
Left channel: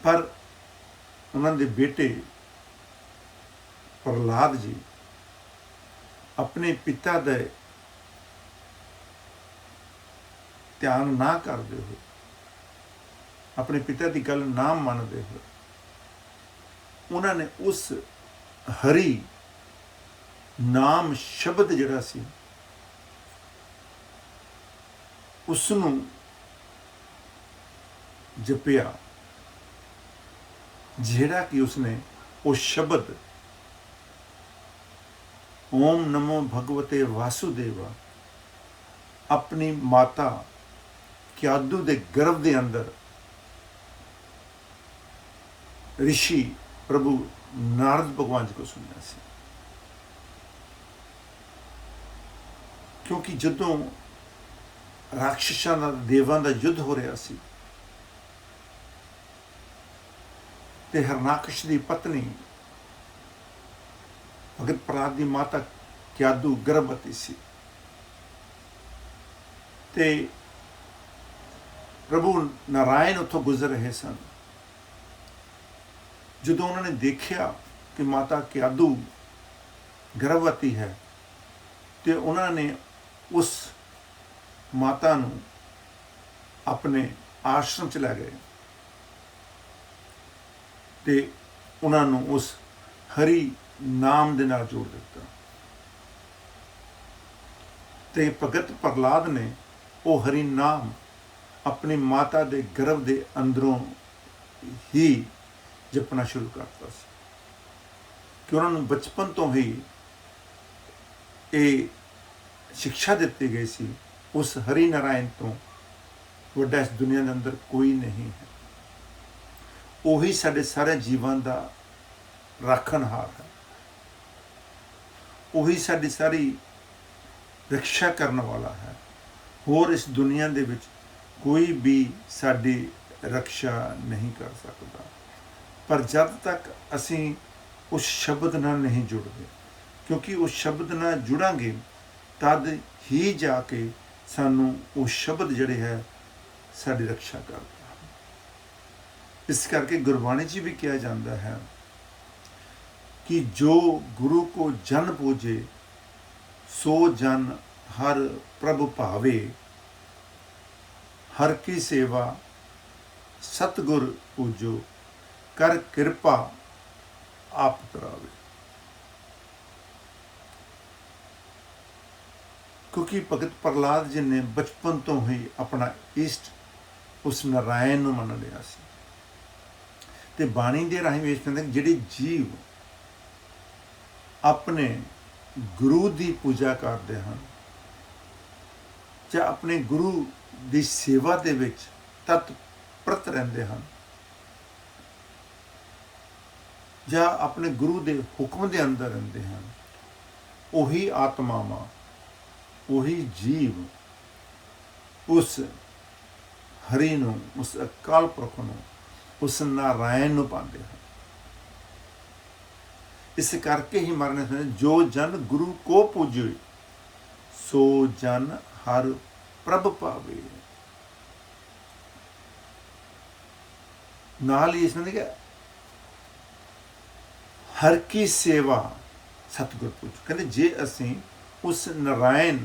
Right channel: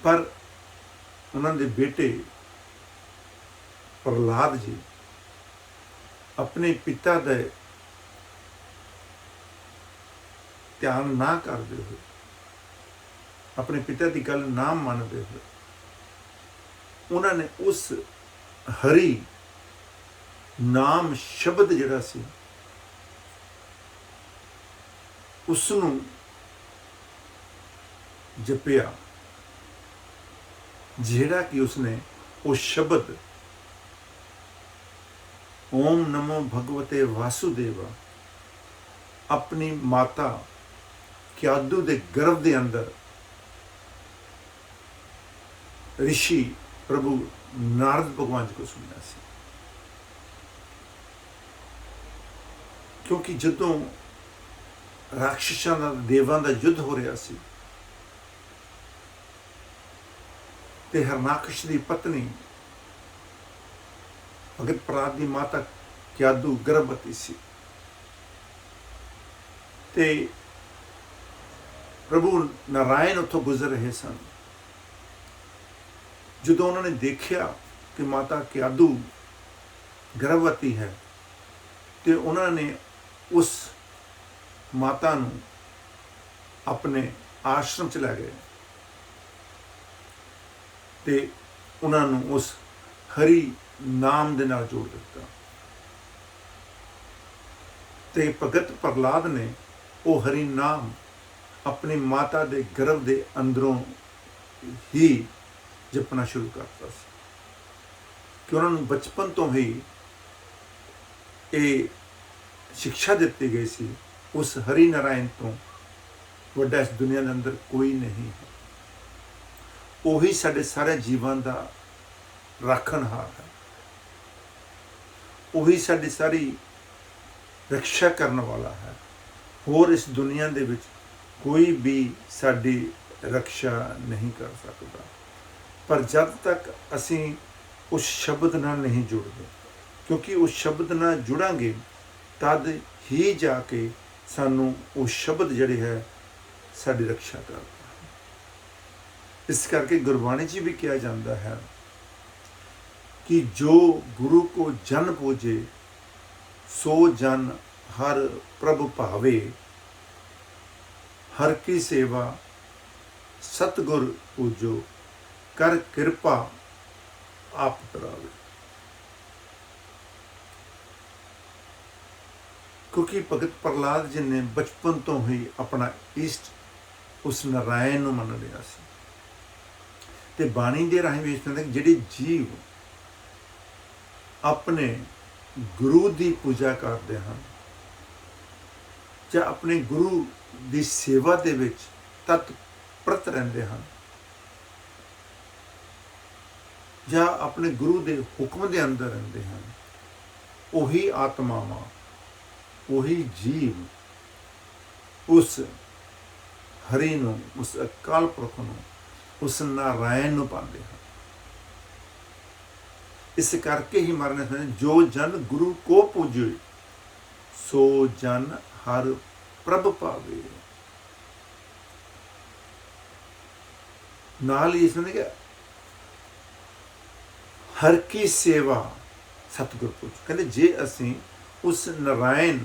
पर उन्होंने बेटे प्रहलाद जी अपने पिता दे ध्यान ना करते हुए, अपने पिता की गल ना मानते हुए, उन्होंने उस हरि नाम शब्द जिहड़ा सी उसनूं जपिया, जिहड़ा कि उसने वो शब्द ओम नमो भगवते वासुदेव अपनी माता क्यादू दे गर्भ दे अंदर ऋषि प्रभु नारद भगवान जी को सुनया सी। क्योंकि जदों राक्षसां दा देवां दा युद्ध हो रहा सी ते हरनाकश दी पत्नी भगत प्रहलाद की माता क्यादू गर्भवती सी, ते प्रभु नारायण उत्थों गुजर रहे सन। जदों उन्होंने देखा कि माता क्यादू गर्भवती है, तो उन्होंने उस माता नूं अपने आश्रम च लै गए, ते उन्होंने उस हरि नाम दे नाल जोड़ दिता। ते भगत प्रहलाद ने वो हरि नाम अपनी माता दे गर्भ दे अंदरों ही जपना शुरू करता सी, कि उन्होंने बचपन तो ही ये शिक्षा दी गई सी, उस हरि नारायण तो वड्डा इस दुनिया के अंदर कोई नहीं है। वही साडे सारे जीवन का राखणहार है, वही साडी सारी रक्षा करने वाला है। होर इस दुनिया दे विच कोई भी साडी रक्षा नहीं कर सकता। पर जब तक असी उस शब्द नाल नहीं जुड़ते, क्योंकि उस शब्द नाल जुड़ांगे तद ही जाके सानू वो शब्द जिहड़े है साडी रक्षा करता है। इस करके गुरबाणी च भी कहा जाता है कि जो गुरु को जन पूजे सो जन हर प्रभु भावे, हर की सेवा सतगुर पूजो कर कृपा आप करावे। क्योंकि भगत प्रहलाद जी ने बचपन तो ही अपना इष्ट उस नारायण नूं मन लिया सी। ते बाणी दे राही ਵੇਖ ਕਹਿੰਦੇ ਜਿਹੜੇ जीव अपने गुरु की पूजा करते हैं ਜਾਂ अपने गुरु की सेवा ਦੇ ਵਿੱਚ तत्परत ਰਹਿੰਦੇ ਹਨ, ਜਾਂ अपने गुरु के हुक्म के अंदर रहते हैं, वही आत्मावां वही जीव उस हरि नूं, उस अकाल पुरख नूं, उस नारायण नूं पाते हैं। इस करके ही महाराज ने समझाया, जो जन गुरु को पूजे सो जन हर प्रभ पावे। नाल ही इसने देखा हर की सेवा सतगुर पूजो। कहते जे असी उस नारायण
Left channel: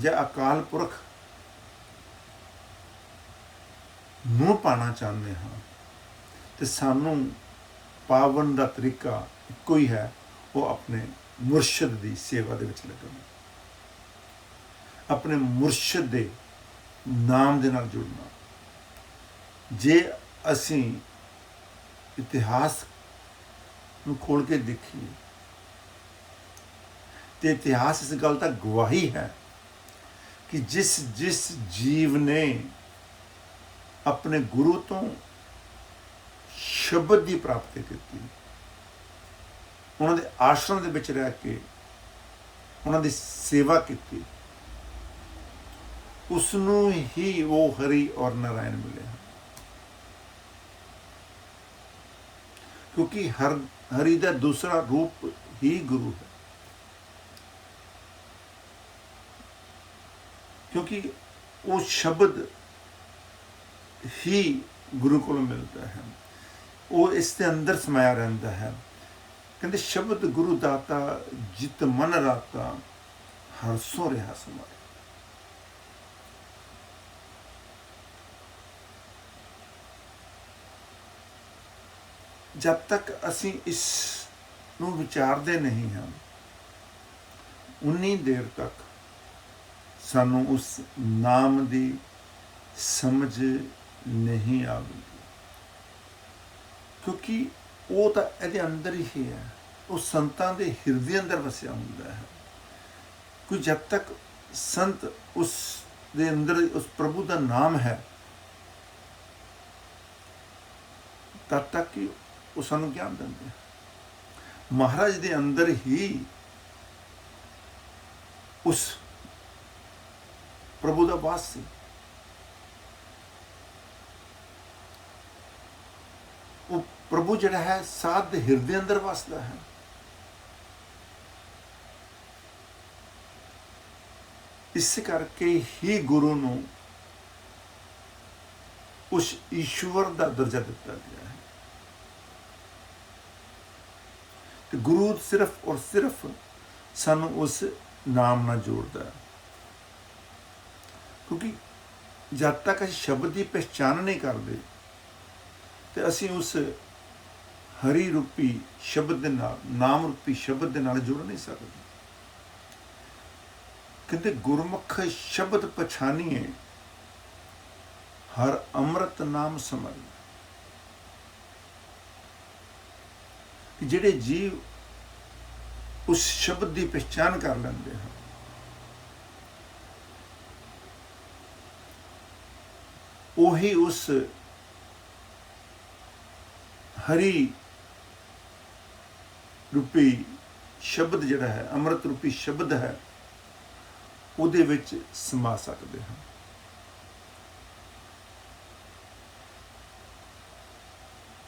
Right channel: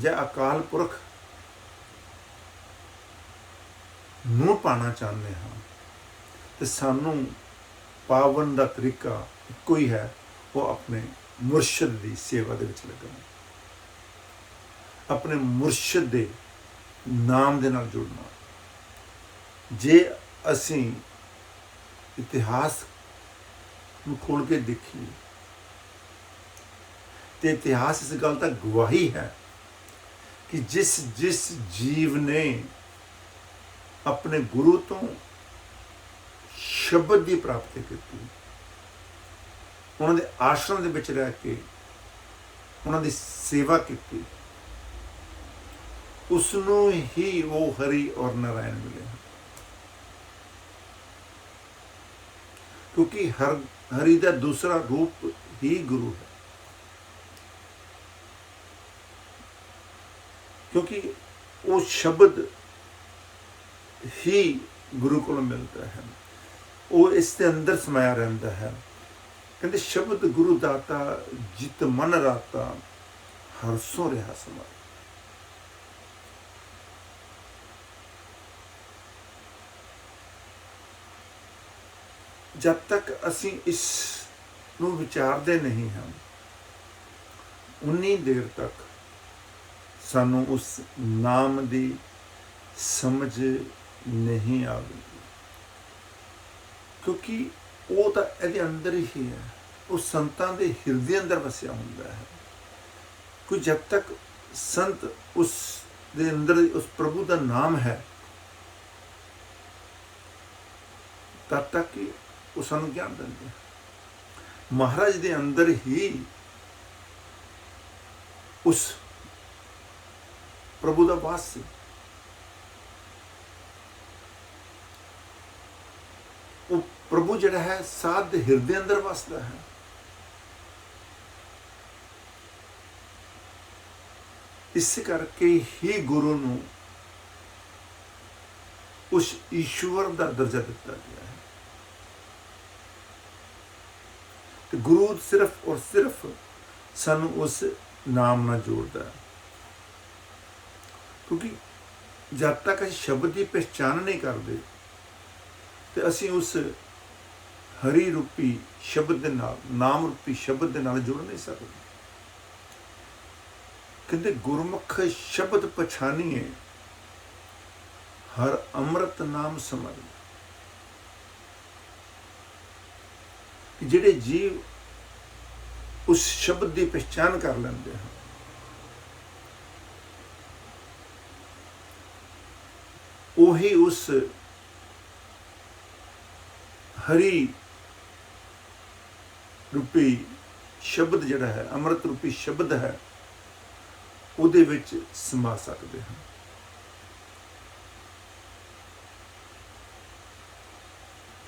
ਜਾਂ ਅਕਾਲ ਪੁਰਖ ਨੂੰ ਪਾਣਾ ਚਾਹੁੰਦੇ ਹਾਂ ਤੇ ਸਾਨੂੰ ਪਾਵਨ ਦਾ ਤਰੀਕਾ ਇੱਕੋ ਹੀ ਹੈ, ਉਹ ਆਪਣੇ ਮੁਰਸ਼ਿਦ ਦੀ ਸੇਵਾ ਦੇ ਵਿੱਚ ਲੱਗਣਾ, ਆਪਣੇ ਮੁਰਸ਼ਿਦ ਦੇ ਨਾਮ ਦੇ ਨਾਲ ਜੁੜਨਾ। ਜੇ ਅਸੀਂ ਇਤਿਹਾਸ ਨੂੰ ਖੋਲ ਕੇ ਦੇਖੀਏ ਤੇ ਇਤਿਹਾਸ ਇਸ ਗੱਲ ਦਾ ਗਵਾਹੀ ਹੈ कि जिस जिस जीव ने अपने गुरु तो शब्द की प्राप्ति की, उन्होंने आश्रम के विच रह के उन्होंने सेवा की, उसनों ही वो हरि और नारायण मिले हैं। क्योंकि हरि का दूसरा रूप ही गुरु है, क्योंकि वो शब्द ही गुरु को मिलता है, वो इसके अंदर समाया रहता है। कहते शब्द गुरु दाता जित मन राता हरसों रहा समाए। जब तक असी इस नूं विचारते नहीं हैं, उन्नी देर तक सानू उस नाम की समझ नहीं आवेगी, क्योंकि वो तो ये अंदर ही है, वो संतां दे हिरदे अंदर वसिया हुंदा है। कोई जब तक संत उस दे अंदर उस प्रभु का नाम है तब तक कि वो सानू ज्ञान देंदे। महाराज दे अंदर ही उस प्रभु का वास से वो प्रभु जिहड़ा है साध दे हिरदे अंदर वसदा है। इस करके ही गुरु नूं उस ईश्वर का दर्जा दिता गया है। तो गुरु सिर्फ और सिर्फ सानू उस नाम नाल जोड़दा है, क्योंकि जब तक असीं शब्द की पहचान नहीं करते तो असीं उस हरि रूपी शब्द के नाल, नाम रूपी शब्द के नाल जुड़ नहीं सकते। कहते गुरमुख शब्द पछानिए हर अमृत नाम समझ। कि जिहड़े जीव उस शब्द की पहचान कर लेंदे हैं, वही उस हरि रूपी शब्द जिहड़ा है, अमृत रूपी शब्द है, उहदे विच समा सकते हैं।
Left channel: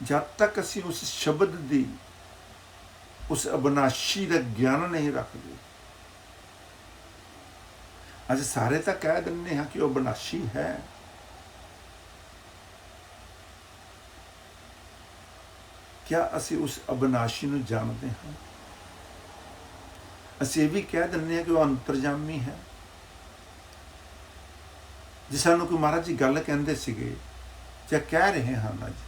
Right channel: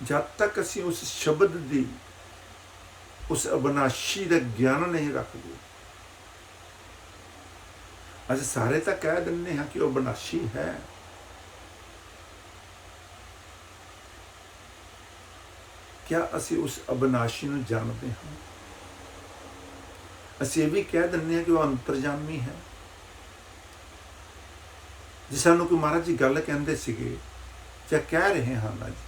जब तक असीं उस शब्द दी उस अविनाशी का ज्ञान नहीं रखते, अज सारे तो कह दिंदे हैं कि वह अविनाशी है, क्या असी उस अविनाशी नूं जानते हैं? असी भी कह दिंदे हैं कि वह अंतरजामी है। जे सानूं कोई महाराज जी गल कहंदे सीगे ਜਾਂ ਕਹਿ ਰਹੇ ਹਨ ਨਾ ਜੀ,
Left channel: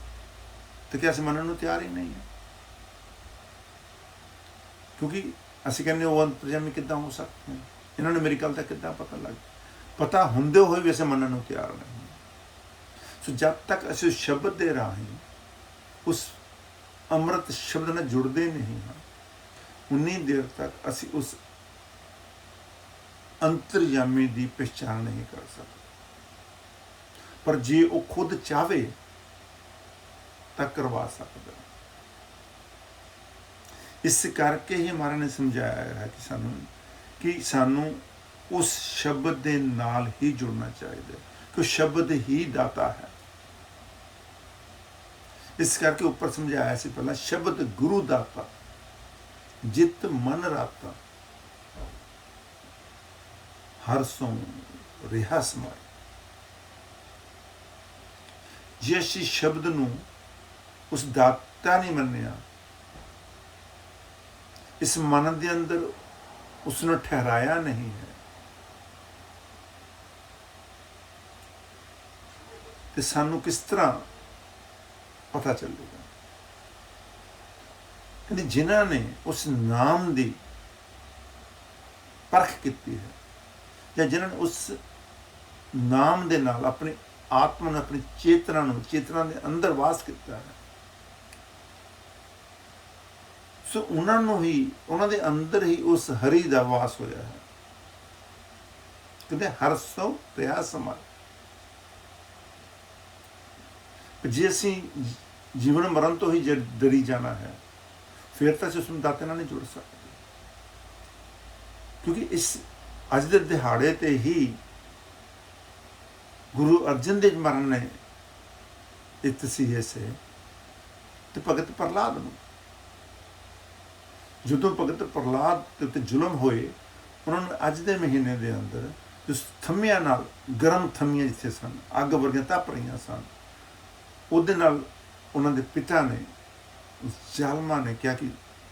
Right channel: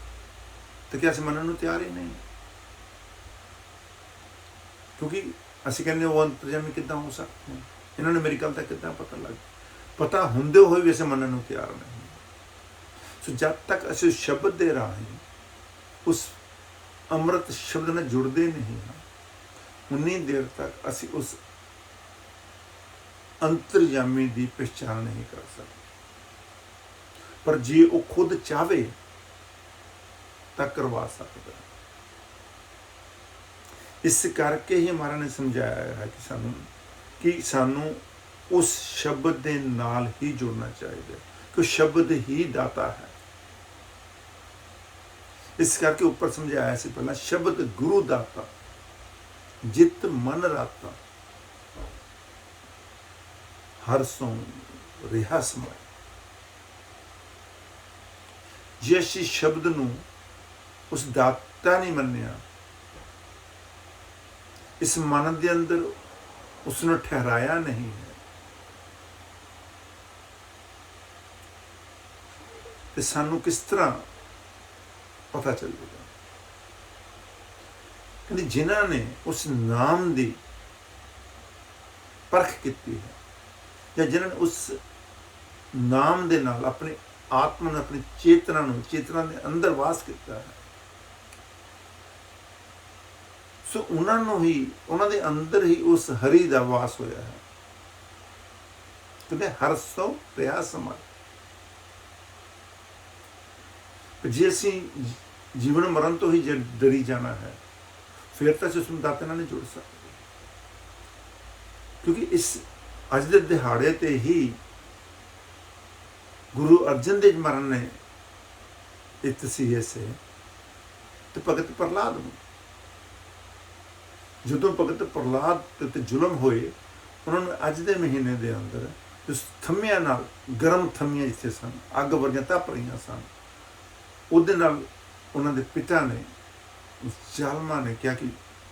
तो क्या ਅਸੀਂ ਮੰਨਣ ਨੂੰ ਤਿਆਰ ਹੀ ਨਹੀਂ ਹੈ, ਕਿਉਂਕਿ ਅਸੀਂ ਕਹਿੰਦੇ ਉਹ ਅੰਤਰਜਾਮੀ ਕਿੱਦਾਂ ਹੋ ਸਕਦੇ ਹਨ, ਇਹਨਾਂ ਨੂੰ ਮੇਰੀ ਗੱਲ ਦਾ ਕਿੱਦਾਂ ਪਤਾ ਲੱਗ, ਪਤਾ ਹੁੰਦੇ ਹੋਏ ਵੀ ਅਸੀਂ ਮੰਨਣ ਨੂੰ ਤਿਆਰ ਨਹੀਂ। ਸੋ ਜਦ ਤੱਕ ਅਸੀਂ ਉਸ ਸ਼ਬਦ ਦੇ ਰਾਹੀਂ ਉਸ ਅੰਮ੍ਰਿਤ ਸ਼ਬਦ ਨਾਲ ਜੁੜਦੇ ਨਹੀਂ ਹਾਂ, ਉਨੀ ਦੇਰ ਤੱਕ ਅਸੀਂ ਉਸ ਅੰਤਰਜਾਮੀ ਦੀ ਪਛਾਣ ਨਹੀਂ ਕਰ ਸਕਦੇ। पर जे वो खुद चाहे तो करवा सकता। इस करके ही महाराज ने समझाया है कि सानू उस शब्द के नाल ही जुड़ना चाहिए, कि शब्द ही दाता है। इस करके ऊपर समझाया से पहला शब्द गुरु दाता, ਜਿਤ ਮਨ ਰਾਤਾਂ ਹਰ ਸੋਂ ਰਿਹਾ ਸਮਾਏ। ਜੇ ਅਸੀਂ ਸ਼ਬਦ ਨੂੰ ਉਸ ਦਾਤਾ ਨਹੀਂ ਮੰਨਿਆ, ਇਸ ਮਨ ਦੇ ਅੰਦਰ ਉਸ ਨੂੰ ਠਹਿਰਾਇਆ ਨਹੀਂ ਹੈ, ਤੇ ਸਾਨੂੰ ਕਿਸ ਤਰ੍ਹਾਂ ਪਤਾ ਚੱਲੇਗਾ? ਕਹਿੰਦੇ ਜਿਨ੍ਹਾਂ ਨੇ ਉਸ ਨਾਮ ਦੀ ਪਰਖ ਕੀਤੀ ਹੈ, ਜਾਂ ਜਿਨ੍ਹਾਂ ਨੇ ਉਸ ਨਾਮ ਦੇ ਨਾਲ ਆਪਣੀ ਆਤਮਾ ਨੂੰ, ਆਪਣੀ ਚੇਤਨਾ ਦੇ ਅੰਦਰ ਵਾਸ ਕੀਤਾ ਹੈ, ਸੋ ਉਹਨਾਂ ਨੂੰ ਹੀ, ਉਹਨਾਂ ਦੇ ਅੰਦਰ ਹੀ ਉਸ ਹਰੀ ਦਾ ਵਾਸ ਹੋਇਆ ਹੈ। ਕਹਿੰਦੇ ਹਰ ਸੋ ਰਿਹਾ ਸਮਾਂ। ਜੇ ਅਸੀਂ ਜੀਵਨ ਮਰਨ ਤੋਂ ਹੀ ਡਰੀ ਜਾਣਾ ਹੈ, ਫਿਰ ਤਾਂ ਅਸੀਂ ਉਸ ਨੂੰ ਦਾਤੇ ਨਾਲ ਨਹੀਂ ਜੁੜ ਸਕਦੇ, ਕਿਉਂਕਿ ਇਸ ਅੱਜ ਦੇ ਦਿਹਾੜੇ ਤੇ ਹੀ ਗੁਰੂ ਅਰਜਨ ਦੇਵ ਮਹਾਰਾਜ ਨੇ ਇਹ ਤਸੀਹੇ ਸੇ ਤੇ ਭਗਤ ਪ੍ਰਹਲਾਦ ਨੂੰ, ਜਦੋਂ ਭਗਤ ਪ੍ਰਹਲਾਦ ਤੇ ਉੱਤੇ ਜ਼ੁਲਮ ਹੋਏ, ਉਹਨਾਂ ਨੂੰ ਅੱਜ ਦੇ ਮਹੀਨੇ ਦੇ ਅੰਦਰ ਉਸ ਥੰਮਿਆਂ ਨਾਲ, ਗਰਮ ਥੰਮੀਆਂ ਜਿੱਥੇ ਸਨ, ਅੱਗ ਵਰਗੀਆਂ ਤਪ ਰਹੀਆਂ ਸਨ, ਉਹਦੇ ਨਾਲ ਉਹਨਾਂ ਦੇ ਪਿਤਾ ਨੇ, ਉਸ ਜ਼ਾਲਮਾਂ ਨੇ ਕਿਹਾ ਕਿ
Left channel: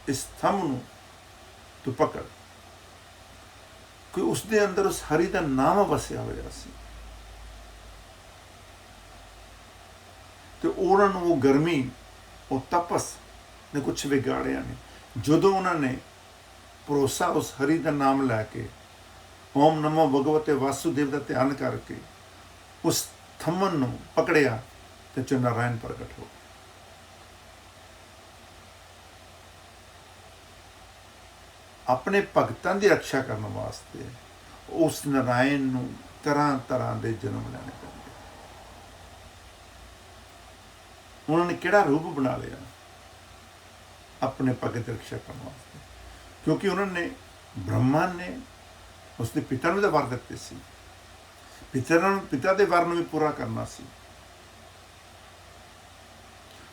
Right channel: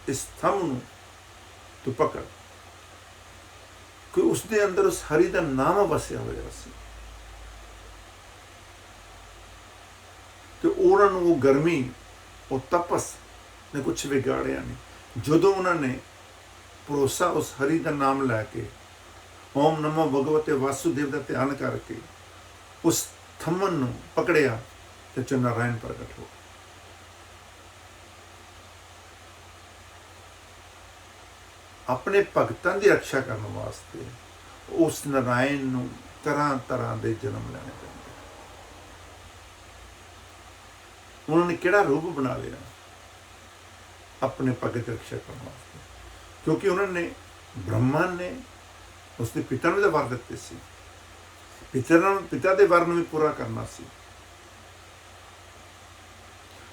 ਇਸ ਥੰਮ ਨੂੰ ਤੂੰ ਪਕੜ, ਕਿ ਉਸ ਦੇ ਅੰਦਰ ਉਸ ਹਰੀ ਦਾ ਨਾਮ ਵਸਿਆ ਹੋਇਆ ਸੀ, ਤੇ ਉਹਨਾਂ ਨੂੰ ਉਹ ਗਰਮੀ, ਉਹ ਤਪਸ ਨੇ ਕੁਛ ਵਿਗਾੜਿਆ ਨਹੀਂ। ਜਦੋਂ ਉਹਨਾਂ ਨੇ ਭਰੋਸਾ ਉਸ ਹਰੀ ਦਾ ਨਾਮ ਲੈ ਕੇ, ਓਮ ਨਮੋ ਭਗਵਤੇ ਵਾਸੁਦੇਵ ਦਾ ਧਿਆਨ ਕਰਕੇ ਉਸ ਥੰਮਨ ਨੂੰ ਪਕੜਿਆ, ਤੇ ਚ ਨਾਰਾਇਣ ਪ੍ਰਗਟ ਹੋ ਗਏ। ਆਪਣੇ ਭਗਤਾਂ ਦੀ ਰੱਖਿਆ ਕਰਨ ਵਾਸਤੇ ਉਸ ਨਾਰਾਇਣ ਨੂੰ ਤਰ੍ਹਾਂ ਤਰ੍ਹਾਂ ਦੇ ਜਨਮ ਲੈਣੇ ਪੈਂਦੇ। ਉਹਨਾਂ ਨੇ ਕਿਹੜਾ ਰੂਪ ਬਣਾ ਲਿਆ ਆਪਣੇ ਭਗਤ ਦੀ ਰੱਖਿਆ ਕਰਨ ਵਾਸਤੇ, ਕਿਉਂਕਿ ਉਹਨਾਂ ਨੇ, ਬ੍ਰਹਮਾ ਨੇ ਉਸਦੇ ਪਿਤਾ ਨੂੰ ਤਾਂ ਵਰ ਦਿੱਤੇ ਸੀ, ਪਿਤਾ ਦੇ ਵਰ ਨੂੰ ਵੀ ਪੂਰਾ ਕਰਨਾ ਸੀ,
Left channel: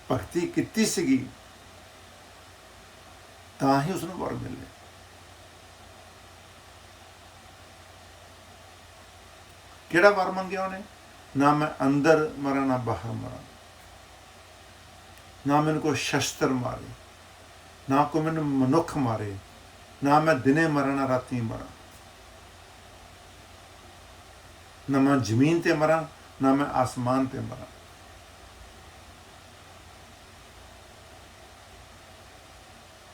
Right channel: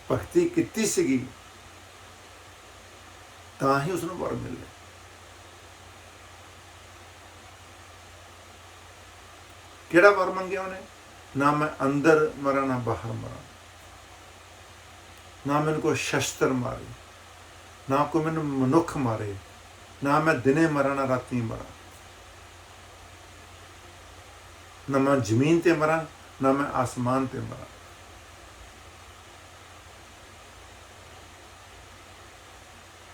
ਭਗਤੀ ਕੀਤੀ ਸੀਗੀ ਤਾਂ ਹੀ ਉਸਨੂੰ ਵਰ ਮਿਲੇ। ਕਿਹੜਾ ਵਰ ਮੰਗਿਆ ਉਹਨੇ? ਨਾ ਮੈਂ ਅੰਦਰ ਮਰਾਂ ਨਾ ਬਾਹਰ ਮਰਾਂ, ਨਾ ਮੈਨੂੰ ਕੋਈ ਸ਼ਸਤਰ ਮਾਰੇ, ਨਾ ਕੋਈ ਮੈਨੂੰ ਮਨੁੱਖ ਮਾਰੇ, ਨਾ ਮੈਂ ਦਿਨੇ ਮਰਾਂ ਨਾ ਰਾਤੀ ਮਰਾਂ, ਨਾ ਮੈਂ ਜ਼ਮੀਨ ਤੇ ਮਰਾਂ ਨਾ ਮੈਂ ਆਸਮਾਨ ਤੇ ਮਰਾਂ।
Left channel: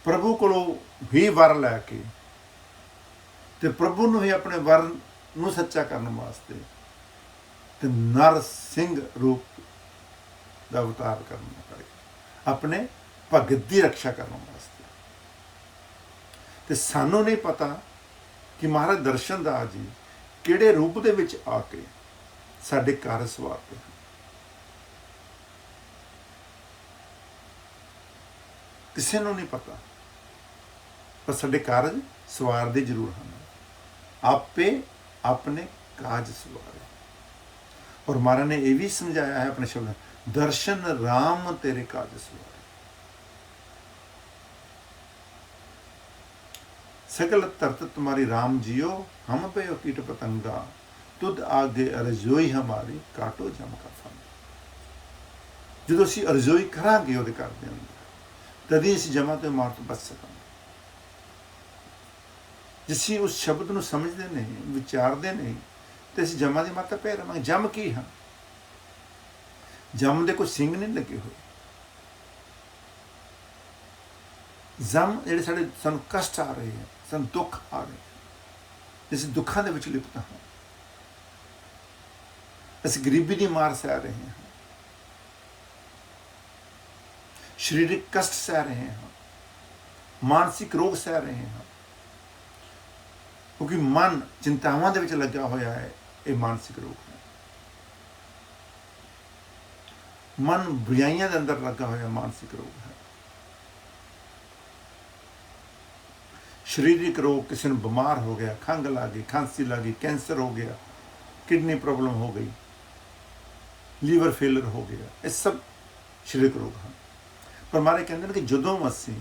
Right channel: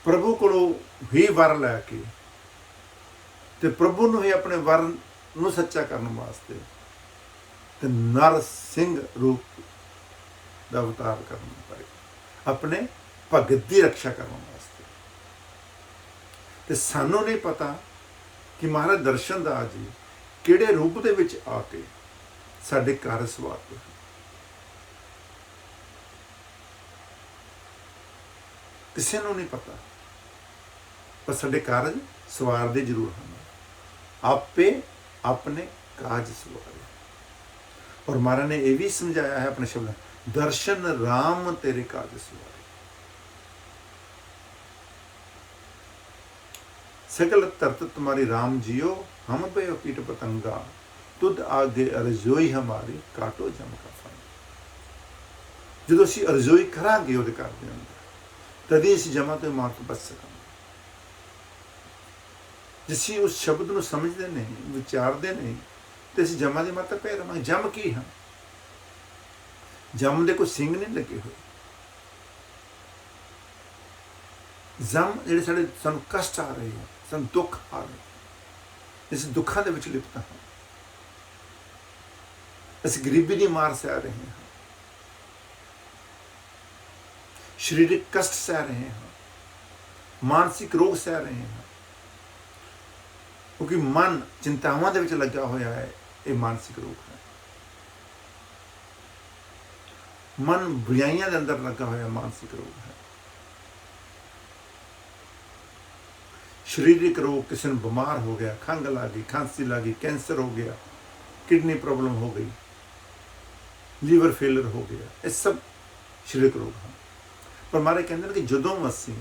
ਪ੍ਰਭੂ ਕੋਲੋਂ ਹੀ ਵਰ ਲੈ ਕੇ ਤੇ ਪ੍ਰਭੂ ਨੂੰ ਹੀ ਆਪਣੇ ਵਰ ਨੂੰ ਸੱਚਾ ਕਰਨ ਵਾਸਤੇ ਤੇ ਨਰ ਸਿੰਘ ਰੂਪ ਦਾ ਅਵਤਾਰ ਕਰਨਾ ਪਏਗਾ, ਆਪਣੇ ਭਗਤ ਦੀ ਰੱਖਿਆ ਕਰਨ ਵਾਸਤੇ। ਤੇ ਸਾਨੂੰ ਨਹੀਂ ਪਤਾ ਕਿ ਮਹਾਰਾਜ ਦਰਸ਼ਨ ਦਾਸ ਜੀ ਕਿਹੜੇ ਰੂਪ ਦੇ ਵਿੱਚ ਆ ਕੇ ਸਾਡੇ ਕਾਰਜ ਸਵਾਰਦੇ ਹਨ। ਕਿਸੇ ਨੂੰ ਨਹੀਂ ਪਤਾ, ਪਰ ਸਾਡੇ ਕਾਰਜ ਸਵਾਰਦੇ ਜ਼ਰੂਰ ਹਨ। ਆਪੇ ਆਪਣੇ ਕਾਜ ਸਵਾਰੇ। ਔਰ ਮਹਾਰਾਜ ਨੇ ਇਹ ਵੀ ਸਮਝਾਇਆ ਹੈ ਆਪਣੇ ਸ਼ਬਦਾਂ, ਦਰਸ਼ਨ ਰਾਮ ਤੇਰੇ ਕਾਜ ਸਵਾਰੇ। सकल तरत तुम्हारी राम जियो, हम पे कीट पतंगा, तुद आगे अरजोई हमारी काटो जम का फन। जो असी अरजोई करांगे ਉਹਦੇ ਘਰ ਦੇ ਅੰਦਰ, ਤਦੇ ਅਸੀਂ ਜਮਾਂ ਤੋਂ ਮਾਰ ਤੋਂ ਬਚ ਸਕਾਂਗੇ। ਜੇ ਅਸੀਂ ਉਸ ਸ਼ਬਦ ਨੂੰ ਸਮਝਦੇ ਨਹੀਂ, ਵਿਚਾਰਦੇ ਨਹੀਂ, ਤੇ ਅਸੀਂ ਜਮਾਂ ਦੀ ਮਾਤਾ ਪੈ ਰਵਾਂਗੇ। ਜਮ ਕੀ ਹਨ? ਜਮ ਦੇ ਕੋਈ ਸਿੰਘ ਨਹੀਂ ਲੱਗੇ ਹੋਏ। ਜਮ ਜਿਹੜੇ ਸਾਨੂੰ ਕਸ਼ਟ ਆ ਰਹੇ ਆ, ਸਾਨੂੰ ਦੁੱਖ ਆ ਰਹੇ ਆ, ਅਸੀਂ ਦੁੱਖਾਂ ਦੇ ਵਿੱਚ ਲਿਪਤ ਹਾਂ, ਅਸੀਂ ਗਰੀਬੀ ਦੀ ਮਾਰ ਸਹਿ ਰਹੇ ਹਾਂ, ਸਰੀਰਕ ਕਸ਼ਟ ਸਹਿ ਰਹੇ ਹਾਂ, ਮਾਨਸਿਕ ਰੋਗ ਸਹਿ ਰਹੇ ਹਾਂ, ਕਿਉਂਕਿ ਮਨ ਚਿੰਤਾਵਾਂ ਦੇ ਵਿੱਚ ਲੱਗਾ ਹੋਇਆ ਹੈ। ਇਹ ਮਾਨਸਿਕ ਰੋਗ ਹੈ। ਮਨ ਬੁਰਾਈਆਂ ਦੇ ਅੰਦਰ ਲੱਗਾ ਹੋਇਆ ਮਾਨਸਿਕ ਰੋਗ ਹੈ। ਸਰੀਰਕ ਰੋਗ, ਕਿਸੇ ਨੂੰ ਬਿਮਾਰ ਹੋ ਗਿਆ, ਖੰਘ ਲੱਗ ਗਈ, ਖਾਂਸੀ ਲੱਗ ਗਈ, ਕੈਂਸਰ ਹੋ ਗਿਆ, ਕਿਡਨੀ ਪ੍ਰੋਬਲਮ ਹੋ ਗਈ, ਲੀਵਰ ਫੇਲਰ ਹੋ ਗਿਆ, ਇਹ ਸਭ ਸਰੀਰਕ ਰੋਗ ਹਨ। ਪਰ ਮਾਰੇ ਕਹਿੰਦੇ ਨੇ ਕਿ ਜਦੋਂ ਅਸੀਂ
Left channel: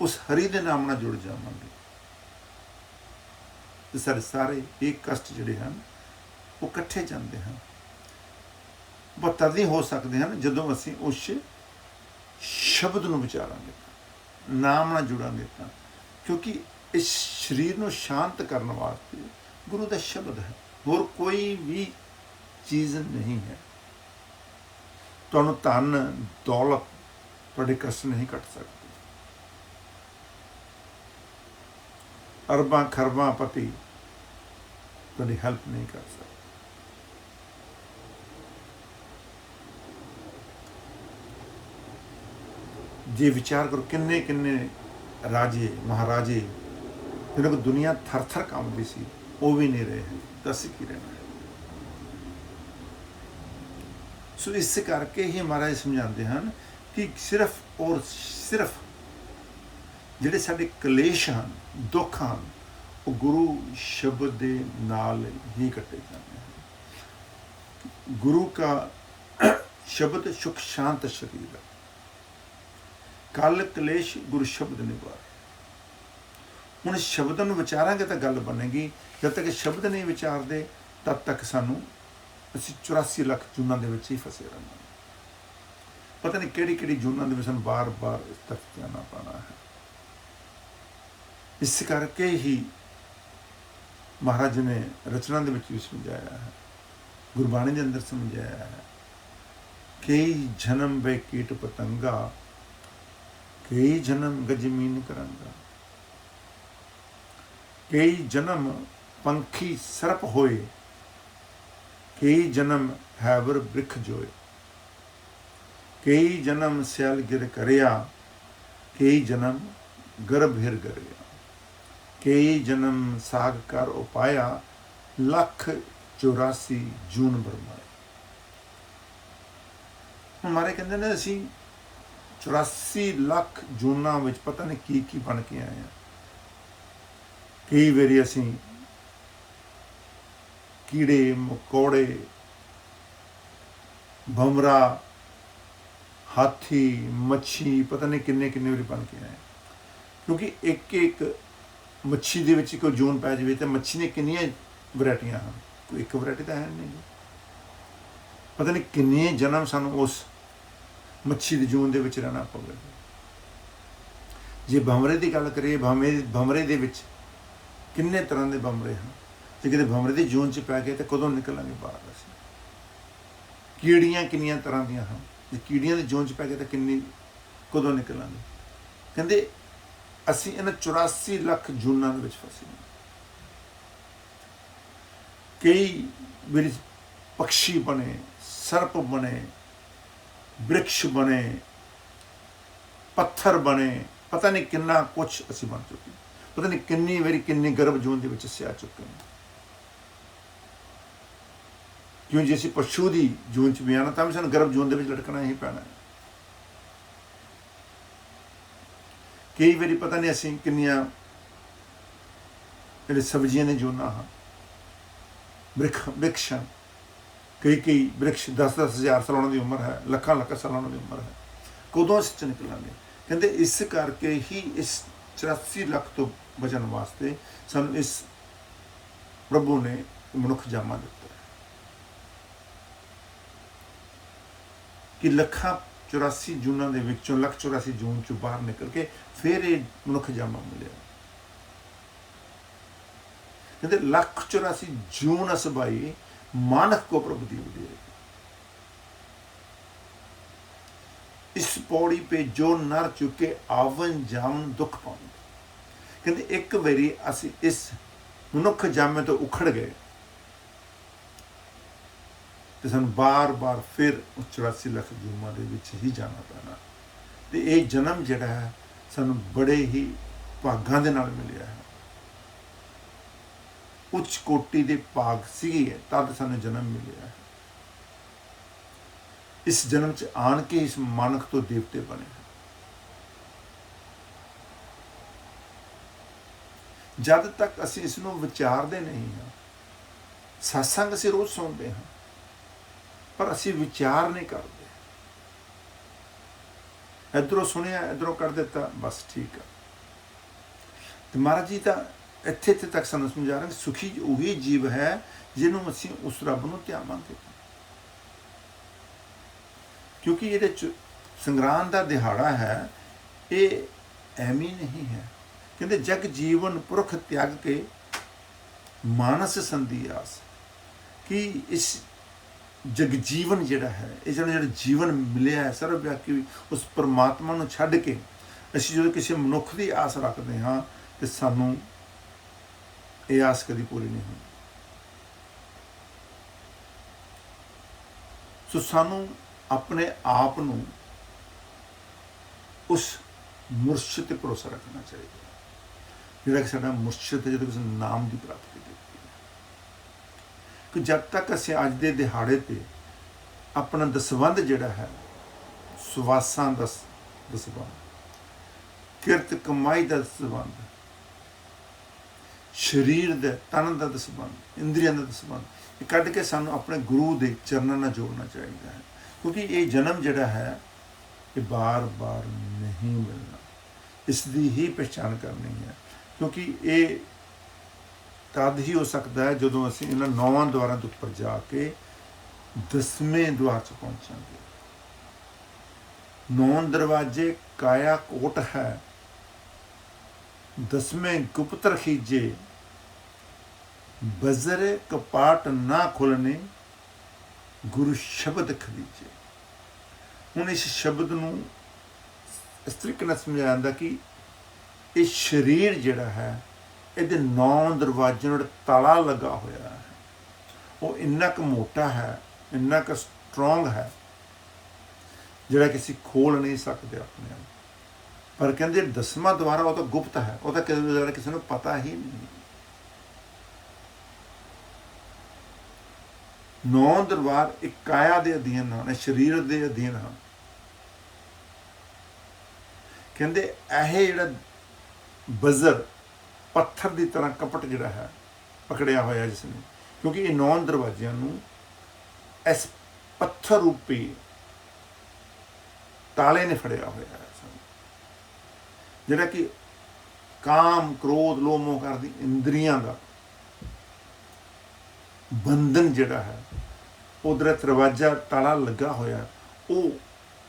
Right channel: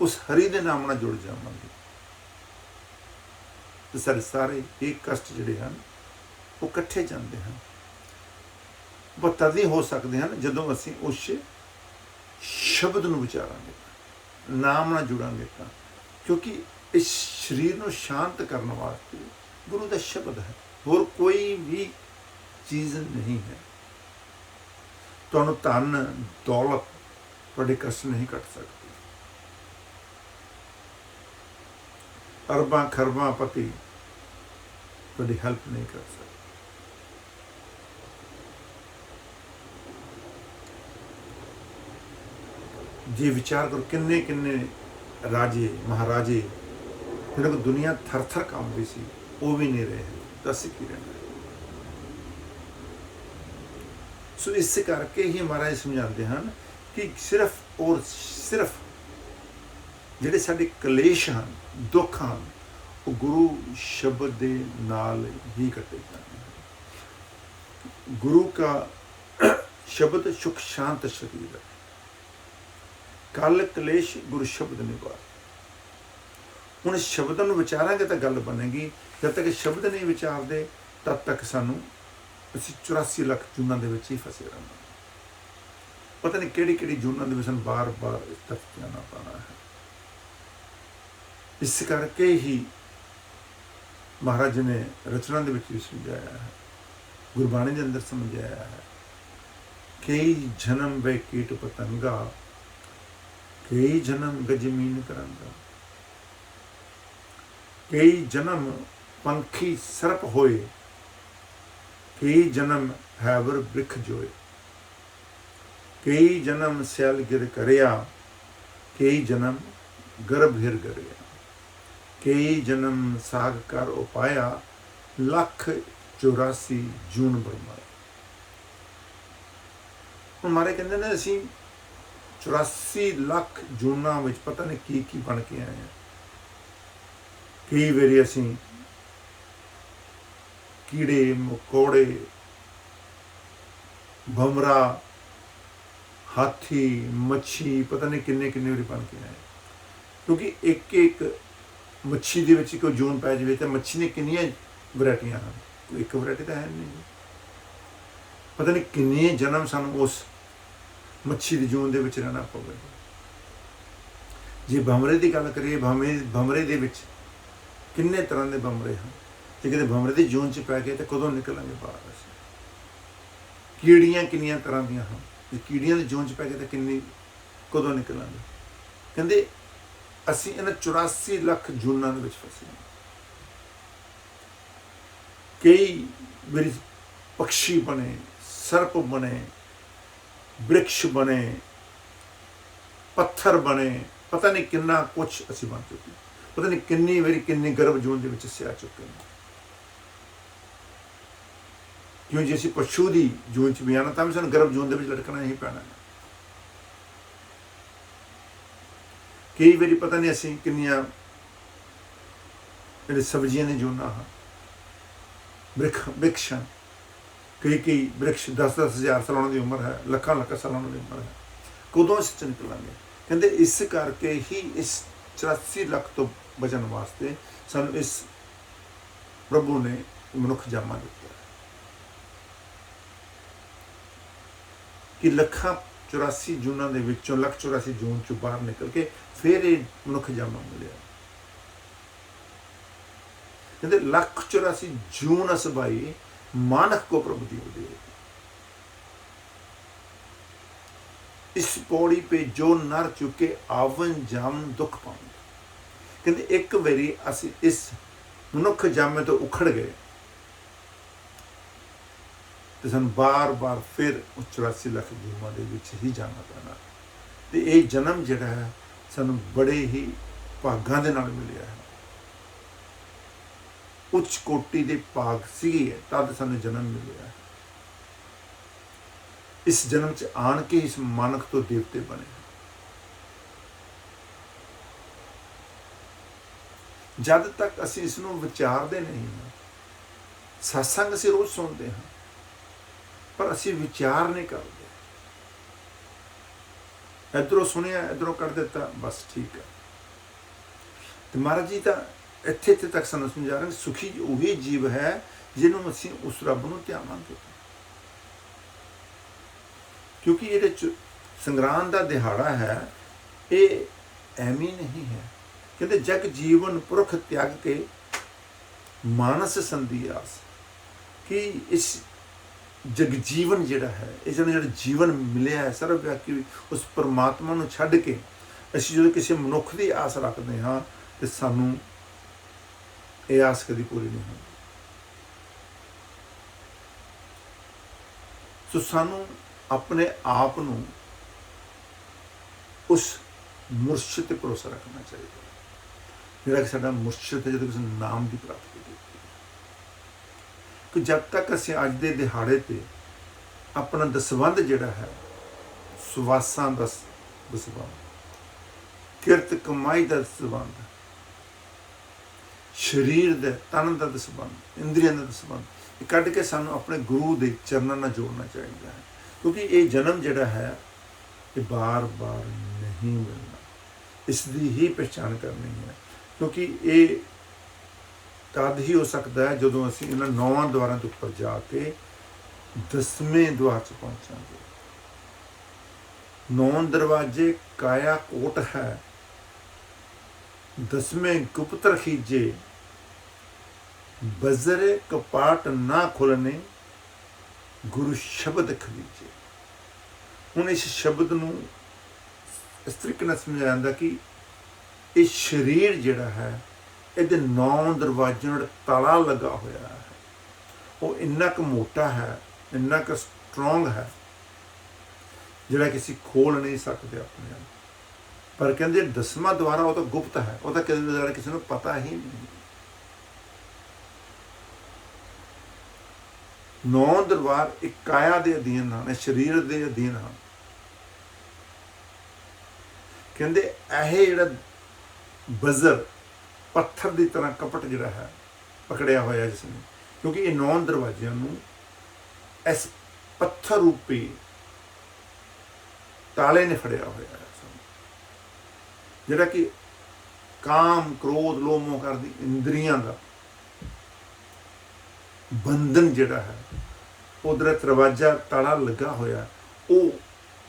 ਉਸ ਹਰੀ ਦੇ ਨਾਮ ਨਾਲ ਜੁੜ ਜਾਵਾਂਗੇ ਤੇ ਸਾਡੇ ਸਾਰੇ ਇਹ ਕਸ਼ਟ ਜਿਹੜੇ ਹਨ ਉਹ ਇਕੱਠੇ ਜਾਂਦੇ ਹਨ। ਉਹ ਤਦ ਹੀ ਹੋ ਸਕਦੇ ਹਨ ਜਦੋਂ ਅਸੀਂ ਉਸ ਸ਼ਬਦ ਨੂੰ ਵਿਚਾਰਾਂਗੇ, ਨਾਮ ਨਾਲ ਜੁੜਾਂਗੇ ਤਾਂ, ਕਿਉਂਕਿ ਇਸ ਸਰੀਰ ਨੂੰ ਸ਼ਾਂਤ ਕਰਨ ਵਾਸਤੇ ਗੁਰੂ ਦਾ ਸ਼ਬਦ ਹੈ, ਹੋਰ ਕੋਈ ਵੀ ਚੀਜ਼ ਨਹੀਂ ਹੈ। ਤੁਹਾਨੂੰ ਧਨ ਦੌਲਤ ਤੁਹਾਡੇ ਕਸ਼ਟ ਨਹੀਂ ਕੱਟ ਸਕਦੀ। ਅਰਬਾਂ ਖਰਬਾਂ ਪਤੀ ਤੁਹਾਡੀ ਹੈਲਪ ਨਹੀਂ ਕਰ ਸਕਦੇ। ਜੇ ਵਿਚਾਰ ਕਰੋ ਕਿੰਨੇ ਕਿੰਨੇ ਰਾਜੇ ਮਹਾਰਾਜੇ ਜਿਹਨਾਂ ਕੋਲ ਦੁਨੀਆ ਥਰ ਥਰ ਕੰਬਦੀ ਸੀ, ਉਹ ਵੀ ਨਹੀਂ ਰਹੇ ਹਨ, ਦੱਸ ਕੀ ਰਹਿਣਾ। ਸੋ ਇਸ ਕਰਕੇ ਹੀ ਮਹਾਰਾਜ ਸਮਝਾਉਂਦੇ ਹਨ ਕਿ ਸਿਰਫ ਔਰ ਸਿਰਫ ਜਿਹੜੇ ਸਾਡੇ ਕਲੇਸ਼ ਹਨ, ਦੁੱਖ ਹਨ, ਉਹ ਗੁਰੂ ਸ਼ਬਦ ਦੇ ਨਾਲ ਹੀ ਕੱਟੇ ਜਾਂਦੇ ਹਨ। ਗੁਰੂ ਕਾ ਸ਼ਬਦ ਸੁਖ ਸ਼ਾਂਤ ਸ਼ਰੀਰ ਹੈ। ਕਲ ਕਲੇਸ਼ ਗੁਰੂ ਸ਼ਬਦ ਨਿਵਾਰੇ। ਹੁਣ ਸ਼ਬਦ ਨੂੰ ਵਿਚਾਰਾਂਗੇ ਤਾਂ ਗੱਲ ਬਣੇਗੀ। ਜਦ ਤੱਕ ਸ਼ਬਦ ਨਹੀਂ ਵਿਚਾਰਦੇ ਤਦ ਤੱਕ ਸਾਨੂੰ ਅਸੀਂ 84 ਲੱਖ ਜੂਨਾਂ ਦੇ ਵਿੱਚ ਹੀ ਫਸੇ ਰਹਾਂਗੇ। ਪਤਾ ਨਹੀਂ ਕਿਹੜੀ ਕਿਹੜੀ ਜੂਨਾਂ ਦੇ ਵਿੱਚ ਸਾਨੂੰ ਬਾਰ-ਬਾਰ ਇਸ ਤਰਫ ਜਾਣਾ ਪੈਣਾ ਹੈ। ਇਸ ਕਰਕੇ ਹੀ ਮਹਾਰਾਜ ਨੇ ਰਚਨਾ ਦੇ ਵਿੱਚ ਵੀ ਸਮਝਾਇਆ ਹੈ, ਗੁਰਬਾਣੀ ਦੇ ਅੰਦਰ ਸਮਝਾਇਆ ਹੈ, ਕਈ ਜਨਮ ਵੇ ਕੀਟ ਪਤੰਗਾ, ਕਈ ਜਨਮ ਗਜਮੀਨ ਕਰਾਂਗਾ, ਕਈ ਜਨਮ ਪੰਖੀ ਸਰਪ ਹੋਏ, ਕਈ ਜਨਮ ਹੈਵਰ ਬ੍ਰਿਖ ਜੋਏ, ਕਈ ਜਨਮ ਸਿਆਲ ਗਿਰ ਕਰਿਆ, ਕਈ ਜਨਮ ਗਰਭ ਹਿਰ ਗਰਿਆ, ਕਈ ਜਨਮ ਸਾਗ ਕਰ ਉਪਾਇਆ, ਲੱਖ 84 ਜੂਨ ਬਰਮਾਏ। ਹੁਣ ਮਾਰੇ ਕਹਿੰਦੇ ਨੇ ਅਸੀਂ 84 ਲੱਖ ਜੂਨਾਂ ਵਿੱਚ ਪਤਾ ਨਹੀਂ ਕੀ ਕੀ ਬਣ ਕੇ ਆਏ ਹਾਂ। ਕਈ ਵਾਰੀ ਅਸੀਂ ਕੀੜੇ ਮਕੌੜੇ, ਭਮਰਾ, ਹਾਥੀ, ਮੱਛੀ, ਪਤਾ ਨਹੀਂ ਕਿੰਨੇ ਕਿੰਨੇ ਵਾਰੀ ਬਣ ਕੇ ਆਏ। ਕਿਉਂਕਿ ਇੱਕ ਇੱਕ ਮੱਛੀ ਦੇ ਵਿੱਚ ਕੋਈ ਜੂਨ ਪੈ ਜਾਵੇ ਤਾਂ ਮੱਛੀ ਦੀਆਂ ਕਿੰਨੀਆਂ ਵੈਰਾਈਟੀਆਂ ਹਨ, ਕੋਈ ਇੱਕ ਵੈਰਾਈਟੀ ਤਾਂ ਹੈ ਨਹੀਂ। ਪਤਾ ਨਹੀਂ ਕਿੰਨੇ ਜਨਮ ਸਾਨੂੰ ਉਸ ਮੱਛੀ ਦੀ ਜੂਨ ਦੇ ਵਿੱਚ ਰਹਿਣਾ ਪਵੇ। ਜੇ ਭਮਰੇ ਦੀ ਗੱਲ ਕਰੀਏ, ਭਮਰੇ ਦੇ ਵਿੱਚ ਕਿੰਨੇ ਤਰ੍ਹਾਂ ਦੇ ਭਮਰੇ ਹਨ। ਜੇ ਕਿਤੇ ਭਮਰੇ ਦੀ ਜੂਨ 'ਚ ਪੈ ਗਏ ਤਾਂ ਕਦੋਂ ਨਿਕਲਾਂਗੇ ਬਾਹਰ ਅਸੀਂ। ਕੀੜੀਆਂ ਕਿੰਨੀਆਂ ਤਰ੍ਹਾਂ ਦੀਆਂ ਹਨ, ਜੇ ਕੀੜੀਆਂ ਦੀ ਜੂਨ 'ਚ ਪੈ ਗਏ ਤਾਂ ਕਦੋਂ ਨਿਕਲਾਂਗੇ। ਕਹਿੰਦੇ ਅਸੀਂ ਇਹਨਾਂ 84 ਲੱਖ ਜੂਨਾਂ ਦੇ ਵਿੱਚ ਫਸੇ। ਕਈ ਵਾਰੀ ਪਕਸ਼ੀ ਬਣੇ, ਸਰਪ ਬਣੇ, ਬ੍ਰਿਕਸ਼ ਬਣੇ, ਪੱਥਰ ਬਣੇ, ਪਤਾ ਨਹੀਂ ਕਿੰਨਾ ਕੁਛ ਅਸੀਂ ਬਣ ਚੁੱਕੇ। ਪਤਾ ਨਹੀਂ ਕਿੰਨੀ ਵਾਰੀ ਕਿੰਨੀ ਗਰਭ ਜੂਨ ਦੇ ਵਿੱਚ ਅਸੀਂ ਆ ਚੁੱਕੇ ਹਾਂ। ਕਿਉਂ ਜੇ ਅਸੀਂ ਪਸ਼ੂ ਦੀ ਜੂਨ 'ਚ ਵੀ ਆਉਣਾ ਤਾਂ ਵੀ ਸਾਨੂੰ ਗਰਭ ਜੂਨ ਦੇ ਵਿੱਚ ਲਟਕਣਾ ਹੀ ਪੈਣਾ ਹੈ। ਕਈ ਵਾਰੀ ਪਤਾ ਨਹੀਂ ਅਸੀਂ ਕਿੰਨੀਆਂ ਜਿਹੜੇ ਸਬਜ਼ੀਆਂ ਦੀ ਜੂਨਾਂ ਹਨ, ਬ੍ਰਿਕਸ਼ਾਂ, ਕਈ ਬ੍ਰਿਕਸ਼ 10-10 ਹਜ਼ਾਰ ਸਾਲਾਂ ਦੀ ਉਮਰ ਹੈ, ਲੱਖਾਂ ਸਾਲਾਂ ਦੀ ਉਮਰ ਹੈ। ਕਦੋਂ ਅਸੀਂ 'ਚ ਨਿਕਲਾਂਗੇ। ਕਹਿੰਦੇ ਇਸ ਕਰਕੇ ਹੀ ਇਸ 84 ਲੱਖ ਤੋਂ ਬਚਣ ਵਾਸਤੇ ਸਾਨੂੰ ਇਸ ਪ੍ਰਭੂ ਨੇ ਮਨੁੱਖ ਜਾਮਾ ਦਿੱਤਾ ਹੈ ਕਿ ਲੱਖਾਂ 84 ਜੂਨਾਂ ਦੇ ਵਿੱਚੋਂ 184 ਜੂਨ ਚੋਂ ਬਾਹਰ ਨਿਕਲ ਕੇ ਫਿਰ ਇਹ ਮਨੁੱਖ ਜਾਮਾ ਮਿਲਿਆ। ਕਹਿੰਦੇ 184 ਜੂਨ ਅਸਬਾਈ ਮਾਨਕ ਕੋ ਪ੍ਰਭु दी दे। इस पौड़ी पे जो नर चुके आवन जावन दुख पाऊंगे। कहते एक बारी असी इस मनुख जामे तो उखड़ गए तो सानू बार बार फिर 84 ਲੱਖ ਜੂਮਾਂ ਦੇ ਵਿੱਚ ਹੀ ਜਾਣਾ ਪੈਣਾ। ਤੇ ਇਹ ਜਨਮ ਜਿਹੜਾ ਹੈ ਸਾਨੂੰ ਬੜੇ ਹੀ ਭਾਗਾਂ ਦੇ ਨਾਲ ਮਿਲਿਆ ਹੈ। ਉੱਚ ਕੋਟੀ ਦੇ ਭਾਗ ਸੀਗੇ ਤਦ ਸਾਨੂੰ ਜਨਮ ਮਿਲਿਆ ਹੈ। ਇਸ ਜਨਮ 'ਚ ਆਣ ਕੇ ਇਸ ਮਾਨਕ ਤੋਂ ਦੇਵਤੇ ਬਣੇ। ਜਦ ਤੱਕ ਅਸੀਂ ਇਸ ਨੂੰ ਵਿਚਾਰਦੇ ਨਹੀਂ ਹਾਂ, ਸਤਸੰਗ ਅਸੀਂ ਰੋਜ਼ ਸੁਣਦੇ ਹਾਂ ਪਰ ਅਸੀਂ ਵਿਚਾਰ ਨਹੀਂ ਕਰਦੇ। ਇੱਧਰੋਂ ਸੁਣਿਆ ਇੱਧਰੋਂ ਕੱਢ ਦਿੱਤਾ, ਬਸ ਠੀਕ ਹੈ। ਤੇ ਮਹਾਰਾਜ ਜੀ ਤਾਂ ਇੱਥੇ ਤੱਕ ਸਾਨੂੰ ਸਮਝਾ ਰਹੇ ਸੁਖੀ ਉਹੀ ਜੀਵ ਹੈ ਜਿਹਨੂੰ ਅਸੀਂ ਉਸ ਰੱਬ ਨੂੰ ਧਿਆਵਾਂਗੇ। ਕਿਉਂਕਿ ਇਹਦੇ ਚ ਸੰਗਰਾਂਦ ਦਾ ਦਿਹਾੜਾ ਹੈ, ਇਹ ਐਵੇਂ ਨਹੀਂ ਹੈ। ਕਹਿੰਦੇ ਜਗ ਜੀਵਨ ਪੁਰਖ ਤਿਆਗ ਕੇ ਮਾਨਸ ਸੰਧੀ ਆਸ, ਕਿ ਇਸ ਜਗਜੀਵਨ ਜਿਹੜਾ ਹੈ, ਇਹ ਜਿਹੜਾ ਜੀਵਨ ਮਿਲਿਆ ਹੈ ਸਰਵਵਿਆਪੀ, ਉਸ ਪਰਮਾਤਮਾ ਨੂੰ ਛੱਡ ਕੇ ਅਸੀਂ ਜਦੋਂ ਕਿਸੇ ਮਨੁੱਖ ਦੀ ਆਸ ਰੱਖਦੇ ਹਾਂ ਤੇ ਸਾਨੂੰ ਇਹ ਆਸ ਕਦੀ ਪੂਰੀ ਨਹੀਂ ਹੁੰਦੀ। ਸੋ ਸਾਨੂੰ ਆਪਣੇ ਆਪ ਨੂੰ ਉਸ ਮੁਰਸ਼ਿਦ ਤੇ ਭਰੋਸਾ ਰੱਖਣਾ ਚਾਹੀਦਾ ਹੈ, ਜਿਹੜਾ ਕਿ ਸਾਡਾ ਮੁਰਸ਼ਿਦ ਹੈ, ਜਦੋਂ ਕਿਸੇ ਨਾਮ ਦੀ ਪ੍ਰਾਪਤੀ ਕੀਤੀ ਹੈ। ਕਿ ਜਦ ਤੱਕ ਅਸੀਂ ਅੱਜ ਦੇ ਦਿਹਾੜੇ ਤੇ ਆਪਣਾ ਦਸਵੰਧ ਜਿਹੜਾ ਹੈ, ਸੁਵਾਸਾਂ ਦਾ ਦਸਵੰਧ, ਕਿਰਤ ਕਮਾਈ ਦਾ ਦਸਵੰਧ, ਸਰੀਰ ਦੇ ਤਨ ਦਾ ਦਸਵੰਧ, ਇੰਦਰੀਆਂ ਦਾ ਦਸਵੰਧ, ਇਹ ਕੱਢ ਕੇ ਸਾਨੂੰ ਆਪਣੇ ਗੁਰੂ ਦੇ ਚਰਨਾਂ ਨਾਲ ਜੋੜਨਾ ਚਾਹੀਦਾ ਹੈ। ਕਿਉਂਕਿ ਇਹ ਜਨਮ ਜਿਹੜਾ ਹੈ ਇਹ ਬਾਰ-ਬਾਰ ਨਹੀਂ ਮਿਲਣਾ, ਇਸ ਦੀ ਹੀ ਪਹਿਚਾਣ ਕਰਨੀ ਹੈ। ਕਿਉਂਕਿ ਇਹ ਤਦ ਹੀ ਹੋ ਸਕਦਾ ਹੈ ਜਦੋਂ ਅਸੀਂ ਇਹਨਾਂ 9 ਦੁਆਰਾਂ ਦੇ ਉੱਪਰ ਜਾ ਕੇ 10ਵੇਂ ਦੁਆਰ 'ਚ ਪਹੁੰਚਾਂਗੇ। 9 ਦਰਵਾਜ਼ੇ ਕਾਇਆ ਕੋਟ ਹੈ, 10ਵੇਂ ਗੁਪਤ ਰਖੀਜੇ, ਬਜ਼ਰੇ ਕਪਾਟ ਨਾ ਖੁੱਲਣੇ, ਗੁਰੂ ਸ਼ਬਦ ਖਰੀਜੇ। ਹੁਣ ਇਸ ਸ਼ਬਦ ਨੂੰ ਇਸ ਤਰੀਕੇ ਨਾਲ ਸਮਝਾਇਆ ਜਾਂਦਾ ਕਿ ਇਹ ਸਰੀਰ ਜਿਹੜਾ ਹੈ ਇਹਦੇ 9 ਦਰਵਾਜ਼ਿਆਂ ਨਾਲ ਤਾਲਾ ਲੱਗਾ ਹੋਇਆ ਹੈ। ਉਹ ਇੰਨਾ ਕੁ ਮੋਟਾ ਹੈ, ਇੰਨਾ ਕੁ ਸਟਰੋਂਗ ਹੈ, ਜਿਹੜਾ ਕਿ ਅਸੀਂ ਖੋਲ ਨਹੀਂ ਸਕਦੇ ਆਪਣੇ ਆਪ। ਪਰ ਕਹਿੰਦੇ 10ਵਾਂ ਦੁਆਰਾ ਉਹ ਤਾਂ ਗੁਪਤ ਹੈ, ਉਹ ਤਾਂ ਕਿਸੇ ਨੂੰ ਪਤਾ ਹੀ ਨਹੀਂ। 9 ਦਰਬਾਰ ਇੱਕ ਕਾਇਆ ਦੇ ਅਧੀਨ ਹਨ, ਸਰੀਰ ਦੇ ਅਧੀਨ ਹਨ। ਕਹਿੰਦੇ ਇਹ ਜਿਹੜਾ ਬਜ਼ਰ ਪੱਥਰ ਦੀ ਤਰ੍ਹਾਂ ਕਪਟ ਜਿਹੜਾ ਹੈ ਪਕੜਿਆ ਹੋਇਆ ਜਿਸ ਨੇ, ਕਿਉਂਕਿ ਇਹ 9 ਦਰਵਾਜ਼ਿਆਂ ਨੂੰ ਇਸ ਪੱਥਰ ਰੂਪੀ ਤਾਲੇ ਨੇ ਫੜਿਆ ਹੋਇਆ ਹੈ ਸਾਨੂੰ, ਜਿਹੜਾ ਕਿ ਕਾਮ, ਕ੍ਰੋਧ, ਲੋਭ, ਮੋਹ ਕਰਦੀ ਇੰਦਰੀਆਂ ਦਾ ਬੰਧਨ ਜਿਹੜਾ ਹੈ, ਉਧਰ ਦਰਵਾਜ਼ਾ ਤਾਲਾ ਲੱਗਾ ਹੋਇਆ, ਉਹ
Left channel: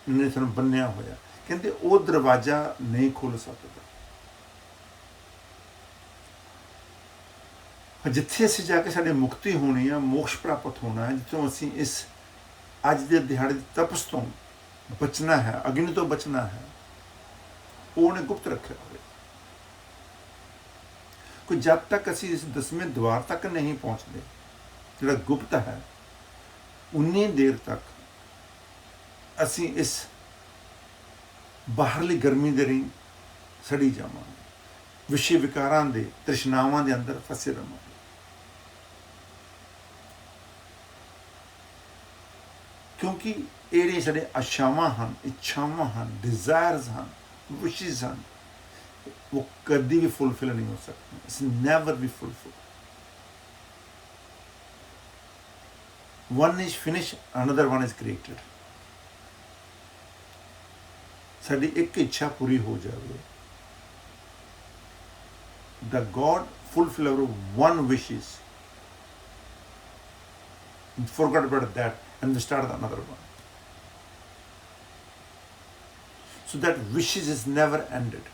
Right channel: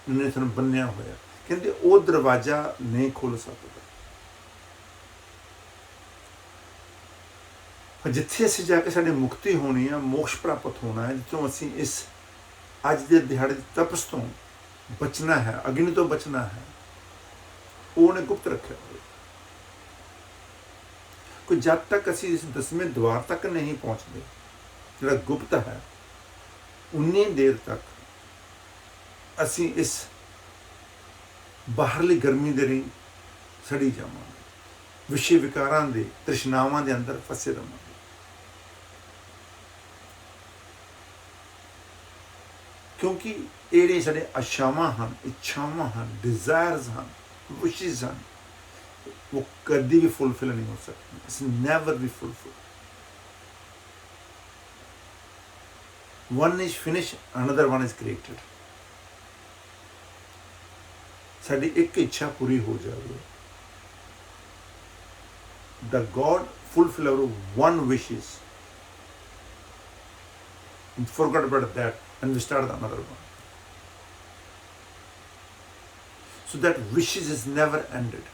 ਨੇ ਸਾਨੂੰ ਬੰਨਿਆ ਹੋਇਆ। ਕਹਿੰਦੇ ਉਹ ਦਰਵਾਜ਼ਾ ਨਹੀਂ ਖੁੱਲ ਸਕਦਾ। ਜਿੱਥੇ ਅਸੀਂ ਜਾ ਕੇ ਸਾਡੀ ਮੁਕਤੀ ਹੋਣੀ ਹੈ, ਮੋਕਸ਼ ਪ੍ਰਾਪਤ ਹੋਣਾ ਹੈ, ਜਿੱਥੋਂ ਅਸੀਂ ਇਸ ਅੱਜ ਦੇ ਦਿਹਾੜੇ ਦੀ ਤਪਸ ਤੋਂ ਬਚਣਾ ਹੈ, ਅਗਨੀ ਤੋਂ ਬਚਣਾ ਹੈ, ਉਹਨੇ ਗੁਪਤ ਰੱਖਿਆ ਹੋਇਆ। ਕੋਈ ਜਦ ਤੱਕ ਅਸੀਂ ਇਸ 10ਵੇਂ ਦੁਆਰ ਤੱਕ ਨਹੀਂ ਪਹੁੰਚਦੇ, ਜਿਹੜਾ ਗੁਪਤ ਹੈ, ਉਨੀ ਦੇਰ ਤੱਕ ਅਸੀਂ ਇਸ ਬਾਹਰਲੀ ਗਰਮੀ ਦੇ ਰਹੀ ਸੜੀ ਜਾਵਾਂਗੇ, ਵਿਸ਼ੇ ਵਿਕਾਰਾਂ ਦੇ ਤ੍ਰਿਸ਼ਨਾਵਾਂ ਦੇ ਅੰਦਰ ਫਸੇ ਰਹਾਂਗੇ। ਕਿਉਂਕਿ ਇਹ ਸਾਡੇ ਆਸ਼ਾਵਾਂ ਹਨ, ਇੱਛਾਵਾਂ ਹਨ, ਡਿਜ਼ਾਇਰਸ ਹਨ, ਵਿਸ਼ੇਸ ਹਨ, ਉਹ ਕਦੀ ਵੀ ਫੁੱਲਫਿਲ ਨਹੀਂ ਹੋ ਸਕਦੀ। It's never B fulfil. One is finished, another one is created. ਸਾਡੀ ਇੱਕ ਇੱਛਾ ਪੂਰੀ ਹੋ ਜਾਵੇ, the God fulfill our one wishes, forget about that and we start another one. So that wishes is never ended.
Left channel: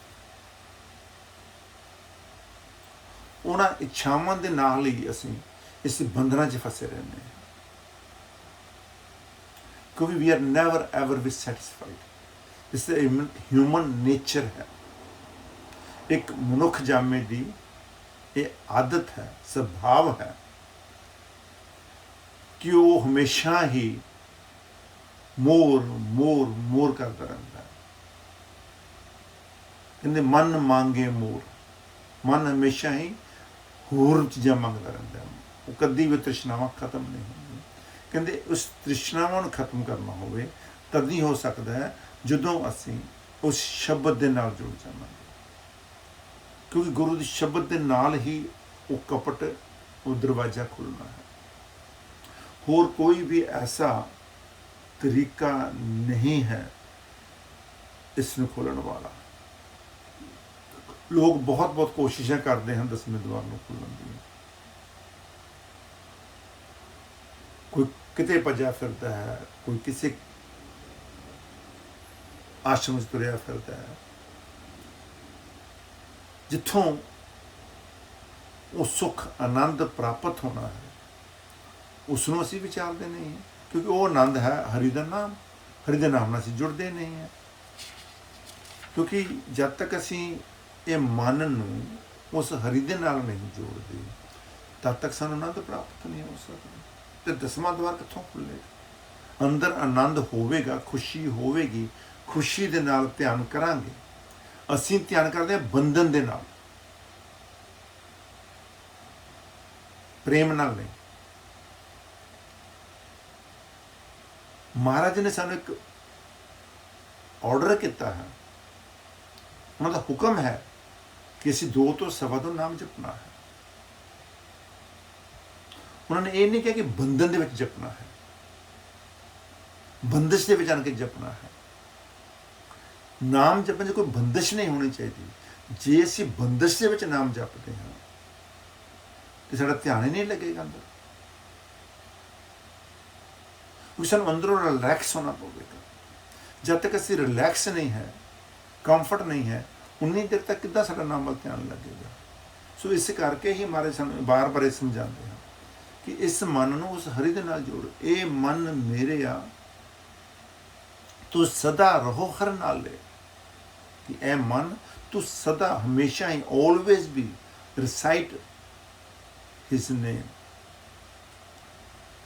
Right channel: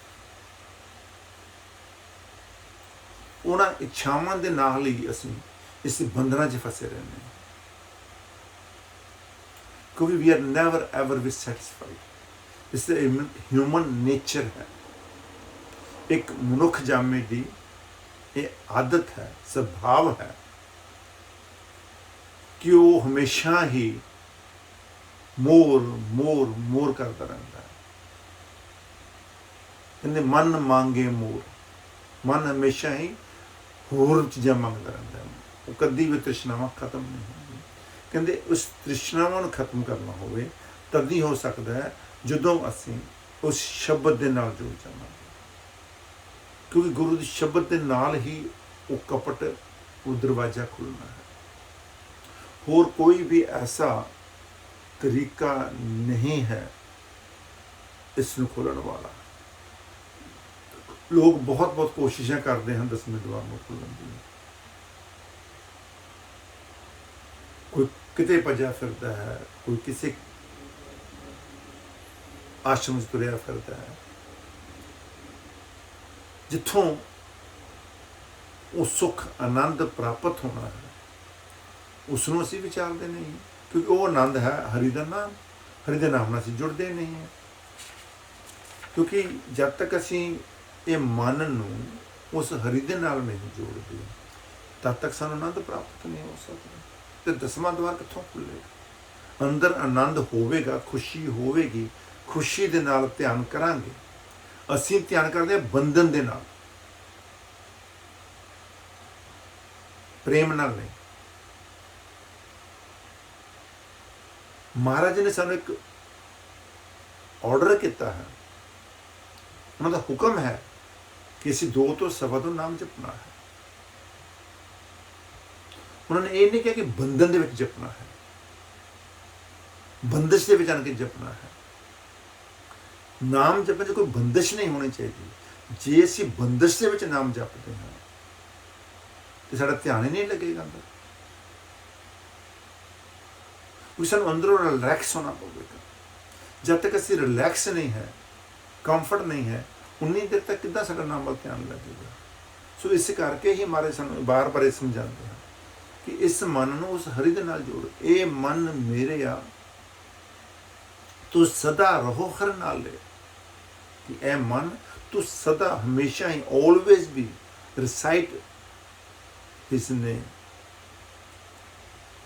ਉਹਨਾਂ ਇੱਛਾਵਾਂ ਦੇ ਨਾਲ ਹੀ ਅਸੀਂ ਇਸ ਬੰਧਨਾਂ 'ਚ ਫਸੇ ਰਹਿੰਦੇ ਹਾਂ, ਕਿਉਂਕਿ we are never ever be satisfied. ਇਸ ਹਿਊਮਨ ਨੇਚਰ ਹੈ, ਇੱਕ ਮਨੁੱਖ ਜਾਮੇ ਦੀ ਇਹ ਆਦਤ ਹੈ, ਸੁਭਾਵ ਹੈ ਕਿ ਉਹ ਹਮੇਸ਼ਾ ਹੀ ਮੋਰ ਕਰਦਾ ਰਹਿੰਦਾ ਹੈ। ਕਹਿੰਦੇ ਮਨ ਮੰਗੇ ਮੋਰ, ਮਨ ਹਮੇਸ਼ਾ ਹੀ ਹੋਰ ਚੀਜ਼ਾਂ ਮੰਗਦਾ ਰਹਿੰਦਾ ਹੈ, ਉਹ ਕਦੀ ਵੀ ਤ੍ਰਿਸ਼ਨਾਵਾਂ ਖਤਮ ਨਹੀਂ ਹੁੰਦੀ। ਕਹਿੰਦੇ ਉਸ ਤ੍ਰਿਸ਼ਨਾਵਾਂ ਨੂੰ ਖਤਮ ਕਰਨਾ ਹੋਵੇ ਤਦ ਹੀ ਹੋ ਸਕਦਾ ਹੈ ਜਦੋਂ ਅਸੀਂ ਉਸ ਸ਼ਬਦ ਦੇ ਨਾਲ ਜੁੜ ਜਾਵਾਂਗੇ, ਕਿਉਂਕਿ ਗੁਰੂ ਦੇ ਸ਼ਬਦ ਦੇ ਨਾਲ ਹੀ ਉਹ ਕਪਟ, ਉਹ ਦਰਵਾਜ਼ਾ ਖੁੱਲ੍ਹਣਾ ਹੈ। ਹੋਰ ਕੋਈ ਵੀ ਐਸਾ ਤਰੀਕਾ ਨਹੀਂ ਹੈ ਇਸ ਨੂੰ ਖੋਲ੍ਹਣ ਵਾਲਾ। ਲੋਕ ਬਹੁਤ ਬਹੁਤ ਕੋਸ਼ਿਸ਼ਾਂ ਕਰਦੇ ਹਨ ਦਸਵੇਂ ਦੁਆਰ ਨੂੰ ਖੋਲ੍ਹਣ ਦੀ। ਕੋਈ ਕਿਤੇ ਭੱਜਿਆ ਫਿਰਦਾ ਹੈ, ਕੋਈ ਕਿਸੇ ਆਸ਼ਰਮ 'ਚ ਤੁਰਿਆ ਫਿਰਦਾ ਹੈ, ਜਿੱਥੋਂ ਉਹ ਸੁੱਖ ਆਨੰਦ ਪ੍ਰਾਪਤ ਹੋਣਾ ਹੈ ਉਸ ਨੂੰ ਅਸੀਂ ਵਿਚਾਰਦੇ ਨਹੀਂ ਹਾਂ, ਕਿਉਂਕਿ ਉਹ ਆਨੰਦ ਹੈ ਹਰੀ ਦਾ ਨਾਮ। ਹਰੀ ਦੇ ਨਾਮ ਨਾਲ ਅਸੀਂ ਜੁੜਦੇ ਨਹੀਂ ਹਾਂ, ਕਿਉਂਕਿ ਜਦ ਤੱਕ ਅਸੀਂ ਇਹ ਮਨ ਨੂੰ ਉਸ ਹਰੀ ਦੇ ਨਾਲ ਨਹੀਂ ਜੋੜਦੇ ਤਦ ਤੱਕ ਸਾਨੂੰ ਆਨੰਦ ਪ੍ਰਾਪਤ ਨਹੀਂ ਹੋ ਸਕਦਾ। ਤੇ ਦਸਵਾਂ ਦੁਆਰ ਕਿੱਥੋਂ ਖੁੱਲ੍ਹੇਗਾ? ਅੰਦਰ ਆਨੰਦ ਹੋਵੇਗਾ, ਖੁਸ਼ੀ ਹੋਵੇਗੀ, ਖੁਸ਼ੀ ਦੇ ਨਾਲ ਧਿਆਨ ਕਰਾਂਗੇ। ਅਸੀਂ ਧਿਆਨ ਕਰਦੇ ਹਾਂ ਬੰਧਨ ਦੇ ਨਾਲ, ਪ੍ਰੇਮ ਨਾਲ ਨਹੀਂ। ਮਹਾਰਾਜ ਨੇ ਸਾਨੂੰ ਇੱਕ ਆਰਡਰ ਕੀਤਾ ਹੈ, ਉਹਨਾਂ ਦਾ ਹੁਕਮ ਹੈ ਕਿ ਅਸੀਂ 2 ਤੋਂ ਸਵਾ ਤੋਂ ਨਾਮ ਜਪਣਾ ਹੈ। ਉਹਨਾਂ ਨੇ ਇਹ ਨਹੀਂ ਕਿਹਾ ਕਿ ਬੰਧਨ ਦੇ ਵਿੱਚ ਜਪਣਾ ਹੈ, ਬੰਦਿਸ਼ ਦੇ ਵਿੱਚ ਆਣ ਕੇ ਜਪਣਾ ਹੈ। ਨਾਮ ਜਪਣ 'ਚ ਕੋਈ ਬੰਦਿਸ਼ ਨਹੀਂ ਹੋਣੀ ਚਾਹੀਦੀ। ਜੇ ਅਸੀਂ ਬੰਦਿਸ਼ ਦੇ ਵਿੱਚ ਨਾਮ ਜਪਦੇ ਹਾਂ ਤੇ ਸਾਡਾ ਧਿਆਨ ਹੀ ਨਹੀਂ ਲੱਗੇਗਾ ਅੰਦਰ, ਕਿਉਂਕਿ ਸਾਨੂੰ ਅੰਦਰੋਂ ਰਿਲੈਕਸ ਹੋਣਾ ਪਵੇਗਾ। ਜਦ ਤੱਕ ਅਸੀਂ ਰਿਲੈਕਸ ਨਹੀਂ ਹੈ, ਕੰਫਰਟ ਨਹੀਂ ਹੈ, ਉਨੀ ਦੇਰ ਤੱਕ ਕਿੱਦਾਂ ਸਾਡਾ ਨਾਮ ਵੱਲ ਧਿਆਨ ਲੱਗੇਗਾ। ਸੋ ਇਸ ਕਰਕੇ ਹੀ ਹਮਾਰੇ ਸਾਨੂੰ ਬਾਰ-ਬਾਰ ਇਹ ਸਮਝਾਉਂਦੇ ਹਨ ਕਿ ਇਸ ਮਨ ਨੂੰ ਉਸ ਹਰੀ ਦੇ ਨਾਲ ਜੋੜ। ਇਹ ਮਨ ਮੇਰੇ ਆ, ਤੂੰ ਸਦਾ ਰਹੋ ਹਰ ਨਾਲੇ। ਕਿ ਇਹ ਮਨ ਤੂੰ ਸਦਾ ਹਮੇਸ਼ਾ ਹੀ always be recite his name,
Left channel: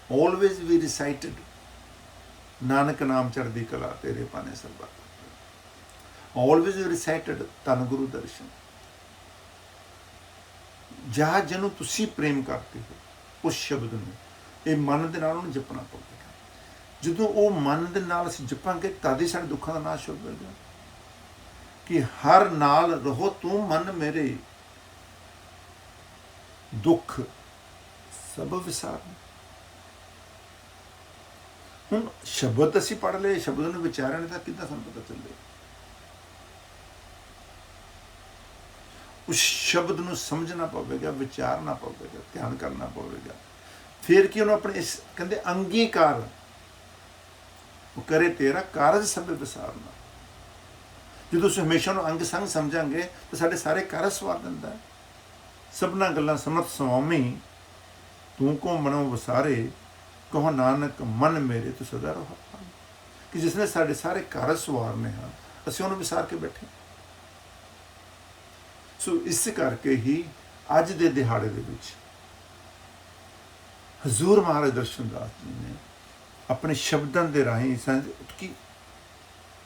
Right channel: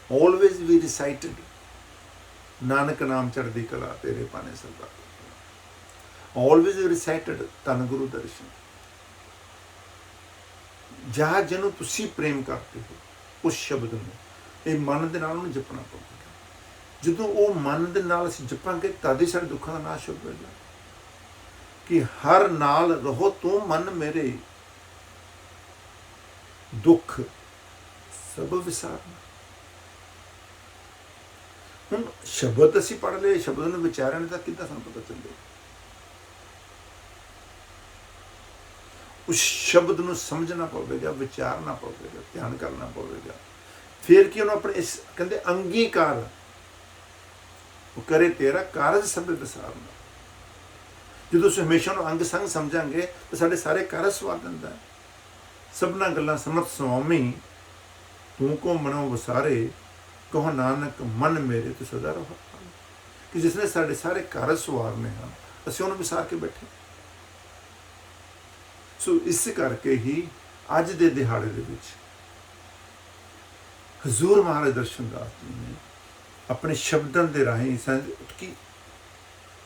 always be recited। Nanak ਨਾਮ ਚੜ੍ਹਦੀ ਕਲਾ ਤੇਰੇ ਪਾਣੇ ਸਰਬੱਤ, always be recited ਧੰਨ ਗੁਰੂ ਦਰਸ਼ਨ। ਜਾਂ ਜਿਹਨੂੰ ਤੁਸੀਂ ਪ੍ਰੇਮ ਕਰਦੇ ਹੋ ਉਸ ਸ਼ਬਦ ਨੂੰ ਇਹ ਮਨ ਦੇ ਨਾਲ ਉਹਨੂੰ ਜਪਣਾ ਪਵੇਗਾ। ਜਦੋਂ ਉਹ ਮਨ ਦੇ ਨਾਲ ਅਸੀਂ ਜਪਾਂਗੇ ਤਦ ਹੀ ਸਾਡੇ ਦੁੱਖਾਂ ਦਾ ਨਾਸ਼ ਹੋਵੇਗਾ। ਕਿ ਹਰ ਨਾਲ ਰਹੋ ਤੂੰ ਮਨ ਮੇਰੇ, ਦੁੱਖ ਸਭ ਵਿਸਾਰਨਾ। ਹੁਣ ਸ਼ਬਦ ਅਸੀਂ ਪੜ੍ਹ ਲਏ, ਸ਼ਬਦ ਨੂੰ ਵਿਚਾਰਿਆ ਨਹੀਂ ਤਾਂ ਕਿੱਦਾਂ ਸਾਨੂੰ ਪਤਾ ਚੱਲੇਗਾ? ਉਸ ਸ਼ਬਦ ਨੂੰ ਸਮਝਣਾ ਪਵੇਗਾ, ਵਿਚਾਰਨਾ ਪਵੇਗਾ, ਧਿਆਨ ਕਰਨਾ ਪਵੇਗਾ। ਫਿਰ ਕੀ ਉਹਨੂੰ ਆਪਣੇ ਇਸ ਕਹਿੰਦੇ ਅੰਗੀਕਾਰ ਉਹ ਕਰੇ ਤੇਰਾ ਕਾਰਜ ਸਭ ਵਿਸਾਰਨਾ। ਜਦੋਂ ਅਸੀਂ ਹਮੇਸ਼ਾ ਨੂੰ ਅੰਗ ਸੰਗ ਸਮਝਾਂਗੇ ਤਾਂ ਸਾਡੇ ਸਾਰੇ ਕਾਰਜ ਸਵਾਰ ਦਿੰਦਾ ਹੈ। ਸਭਨਾ ਗੱਲਾਂ ਸਮਤ ਸੁਆਮੀ, ਤੂੰ ਕੋ ਮਨੋਂ ਵਸਾਰੇ, ਕਹੋ ਨਾਨਕ ਮਨ ਮੇਰੇ ਤੂੰ ਸਦਾ ਰਹੋ। ਕਿ ਜਿਸ ਨੇ ਸਾਡੇ ਸਾਰੇ ਕਾਰਜ ਸਵਾਰਨੇ ਹਨ ਅਸੀਂ ਉਹਨੂੰ ਵਿਸਾਰ ਕੇ ਬੈਠੇ। ਸੋ ਇਸ ਕਰਕੇ ਹੀ ਅੱਜ ਦੇ ਦਿਹਾੜੇ ਦੇ ਵਿੱਚ ਹਜ਼ੂਰ ਮਹਾਰਾਜ ਦਰਸ਼ਨ ਦਾਸ ਜੀ ਨੇ ਆਪਣੇ ਸ਼ਬਦਾਂ ਦੇ ਰਾਹੀਂ ਕਿ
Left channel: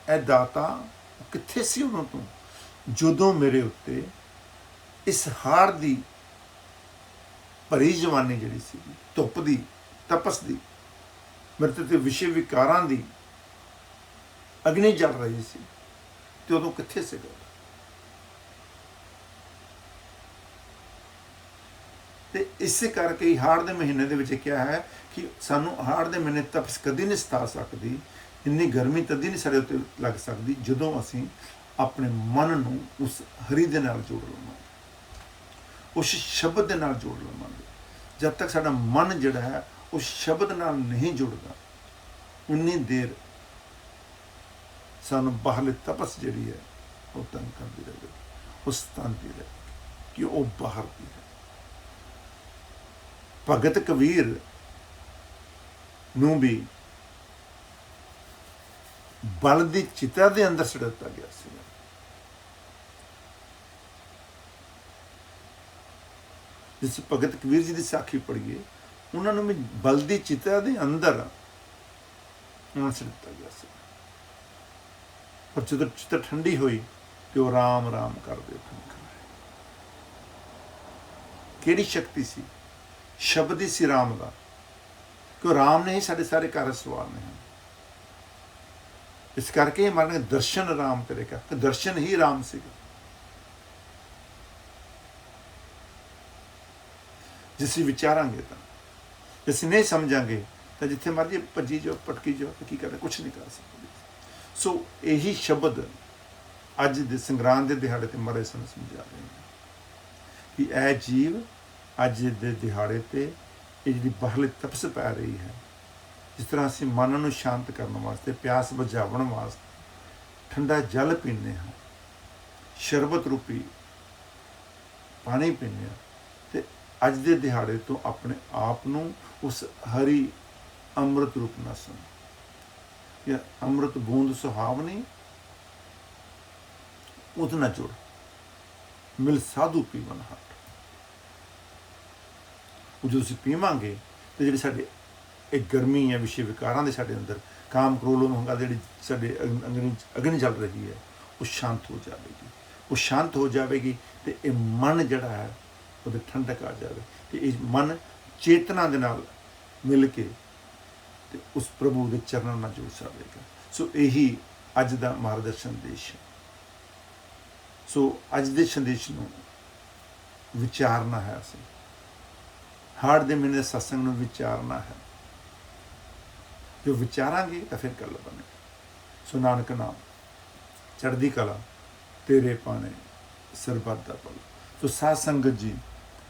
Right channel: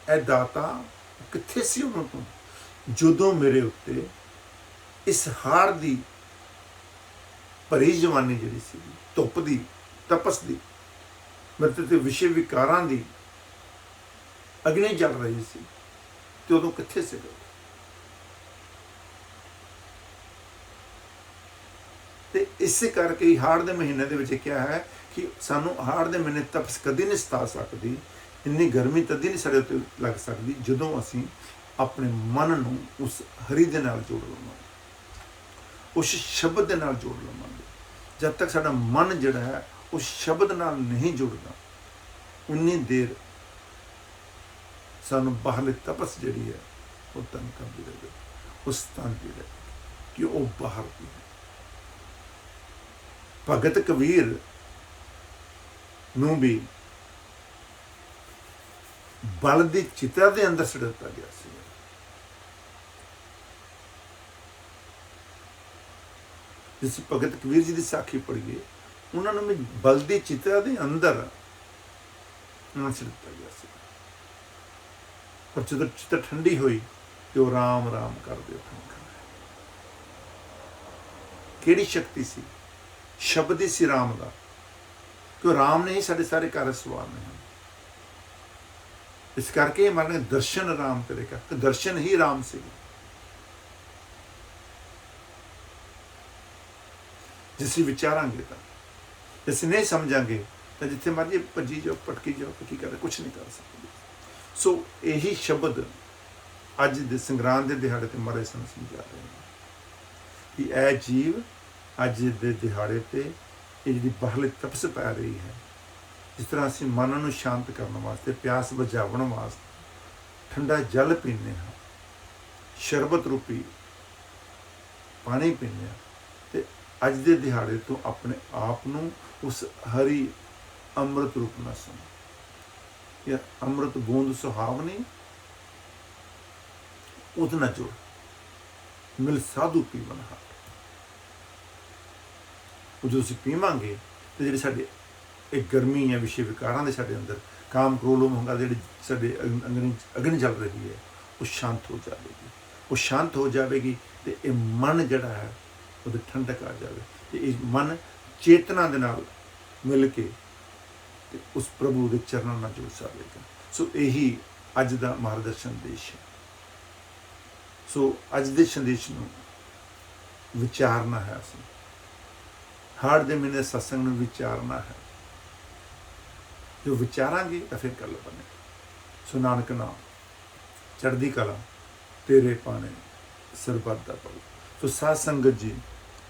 ਇਹ ਦਾਤਾ ਕਿੱਥੇ ਸੀ ਉਦੋਂ ਤੋਂ, ਜਦੋਂ ਮੇਰੇ ਉੱਤੇ ਇਸ ਹਾੜ ਦੀ ਭਰੀ ਜਵਾਨੀ ਜਿਹੜੀ ਸੀ, ਧੁੱਪ ਦੀ, ਤਪਸ ਦੀ, ਮੇਰੇ ਤੇ ਵਿਸ਼ੇ ਵਿਕਾਰਾਂ ਦੀ ਅਗਨੀ ਜਲ ਰਹੀ ਸੀ, ਤੇ ਉਦੋਂ ਕਿੱਥੇ ਸੀਗਾ। ਤੇ ਇਸੇ ਕਰਕੇ ਹੀ ਹਾੜ ਦੇ ਮਹੀਨੇ ਦੇ ਵਿੱਚ ਕਿਹਾ ਹੈ ਕਿ ਸਾਨੂੰ ਹਾੜ ਦੇ ਮਹੀਨੇ ਤਪਸ ਕਦੀ ਨਹੀਂ ਸਤਾ ਸਕਦੀ, ਇੰਨੀ ਗਰਮੀ ਤਦ ਹੀ ਨਹੀਂ ਸਾਡੇ ਉੱਤੇ ਲੱਗ ਸਕਦੀ ਜਦੋਂ ਅਸੀਂ ਆਪਣੇ ਮਨ ਨੂੰ ਉਸ ਹਰੀ ਦੇ ਨਾਲ ਜੋੜ ਲਵਾਂਗੇ, ਉਸ ਸ਼ਬਦ ਦੇ ਨਾਲ ਜੋੜ ਲਵਾਂਗੇ। ਜਦ ਤੱਕ ਸਾਡਾ ਮਨ ਜਿਹੜਾ ਹੈ ਉਸ ਸ਼ਬਦ ਨਾਲ ਨਹੀਂ ਜੁੜਦਾ ਉਨੀ ਦੇਰ ਸਾਨੂੰ ਬਾਹਰਲੀ ਤਪਸ ਜਿਹੜੀ ਹੈ ਉਹ ਤੰਗ ਕਰਦੀ ਰਹੇ, ਉਸ ਤੰਦੀ ਰਹੇ ਕਿ ਉਹ ਬਾਹਰ ਦੀ ਹੈ। ਭਗਤ ਕਬੀਰ ਨੂੰ ਵੀ ਬਲ ਦੀ ਚਿਤਾ ਦੇ ਅੰਦਰ ਸੁੱਟ ਦਿੱਤਾ ਗਿਆ ਸੀ। ਜਿਸ ਭਗਤ ਕਬੀਰ ਜੀ ਦੀ ਸਾਖੀ ਪੜ੍ਹੀਏ, ਉਹਨਾਂ ਨੂੰ ਵੀ ਬਲ ਦੀ ਚਿਤਾ ਦੇ ਅੰਦਰ ਉਹਨਾਂ ਸੁੱਟ ਦਿੱਤਾ ਗਿਆ ਸੀ। ਪਰ ਜਦੋਂ ਚਿੱਤ ਠੰਡੀ ਹੋਈ ਤੇ ਉਹ ਰਾਮ ਰਾਮ ਕਰਦੇ ਉੱਠਣ ਖੜਾਏ। ਕਿਹੜੀ ਸ਼ਕਤੀ ਸੀ? ਸ਼ਬਦ ਹੀ ਸੀ ਰਾਮ ਦਾ, ਕਿ ਰਾਮ ਨੇ ਹੀ ਸਾਡੇ ਸਾਰੇ ਕਾਰਜ ਸਵਾਰਨੇ ਹਨ। ਇਸ ਕਰਕੇ ਮਨ ਦਰਸ਼ਨ ਰਾਮ ਕਰੇਗਾ, ਕਿ ਦਰਸ਼ਨ ਹੀ ਰਾਮ ਸੀ। ਜੇ ਅਸੀਂ ਵਿਚਾਰਾਂਗੇ ਤਾਂ, ਜੇ ਅਸੀਂ ਨਹੀਂ ਸਮਝਾਂਗੇ ਤਾਂ ਜਿੱਥੇ ਮਰਜੀ ਭੱਜੀ ਜਾਓ, ਭਟਕੀ ਜਾਓ, ਕੀ ਕਰੇ, ਕੁਛ ਨਹੀਂ ਕਰ ਸਕਦੇ। ਸੋ ਇਹੀ ਸ਼ਬਦ ਅੱਜ ਦੇ ਸੰਗਰਾਂਦ ਦੇ ਦਿਹਾੜੇ ਤੇ ਮਹਾਰਾਜ ਸਾਨੂੰ ਸਮਝਾ ਰਹੇ ਨੇ ਕਿ ਇਹ ਜੀਵ ਅੱਜ ਦੇ ਦਿਹਾੜੇ ਤੇ ਇਹ ਜਿਹੜੀ ਬਾਹਰਲੀ ਤਪਸ ਪੈ ਰਹੀ ਹੈ, ਜਿਸ ਤਰ੍ਹਾਂ ਅਸੀਂ ਮਨ ਨੂੰ ਸ਼ਾਂਤ ਕਰਨ ਵਾਸਤੇ, ਪਿਆਸ ਬੁਝਾਉਣ ਵਾਸਤੇ ਠੰਡਾ ਜਲ ਪੀਂਦੇ ਹਾਂ, ਸ਼ਰਬਤ ਰੂਪੀ ਪਾਣੀ ਪੀਂਦੇ ਹਾਂ, ਤੇ ਅੱਜ ਦੇ ਦਿਹਾੜੇ ਤੋਂ ਆਪਣੇ ਆਪ ਨੂੰ ਉਸ ਹਰੀ ਅੰਮ੍ਰਿਤ ਰੂਪ ਨਾਲ ਸਮਝ, ਜਾਂ ਅੰਮ੍ਰਿਤ ਬੂੰਦ ਸੁਹਾਵਣੀ, ਉਹਦੇ ਨਾਲ ਜੁੜ, ਮਿਲ ਸਾਧੂ ਪੀਵਨ ਹਾਰ। ਉਹ ਜਦੋਂ ਅਸੀਂ ਪੀਵਾਂਗੇ ਤੇ ਜਿਹੜੇ ਸਾਡੇ ਇਹ ਗਰਮੀ ਹੈ, ਵਿਸ਼ੇ ਵਿਕਾਰਾਂ ਦੇ ਸਾਡੇ ਅੰਦਰ, ਕਾਮ ਕ੍ਰੋਧ ਮੋਹ ਜਿਹੜੀ ਸਾਡੇ ਅਗਨੀ ਚੱਲ ਰਹੀ ਹੈ, ਉਹ ਸ਼ਾਂਤ ਹੋ ਜਾਵੇਗੀ। ਉਹ ਸ਼ਾਂਤ ਹੋ ਜਾਵੇਗੀ ਤੇ ਇਹ ਮਨ ਜਿਹੜਾ ਹੈ ਉਹਦੇ ਠੰਡਕ ਆ ਜਾਵੇ, ਤੇ ਇਹ ਮਨ ਚੇਤਨਾ ਦੇ ਨਾਲ ਮਿਲ ਕੇ ਤੇ ਉਸ ਪ੍ਰਭੂ ਦੇ ਚਰਨਾਂ ਨਾਲ ਜੁੜ ਜਾਵੇਗਾ। ਸੋ ਇਹੀ ਅੱਜ ਦਾ ਮਾਰਗ ਸੰਦੇਸ਼ ਹੈ। ਸੋ ਅੱਜ ਦੇ ਸੰਦੇਸ਼ ਨੂੰ ਵਿਚਾਰਨਾ ਹੈ, ਅਸੀਂ ਹਾੜ ਦੇ ਮਹੀਨੇ ਸਤਸੰਗ ਨੂੰ ਵਿਚਾਰਨਾ ਹੈ। ਜੋ ਵਿਚਾਰਾਂਗੇ ਤਾਂ ਫਿਰ ਗੱਲ ਬਣੇ। ਸੋ ਨਾਨਕ ਨਾਮ ਚੜ੍ਹਦੀ ਕਲਾ ਤੇਰੇ ਪਾਣੇ ਸਰਬੱਤ ਦਾ ਭਲਾ। ਸੋ ਸਾਧ ਸੰਗਤ ਜੀ,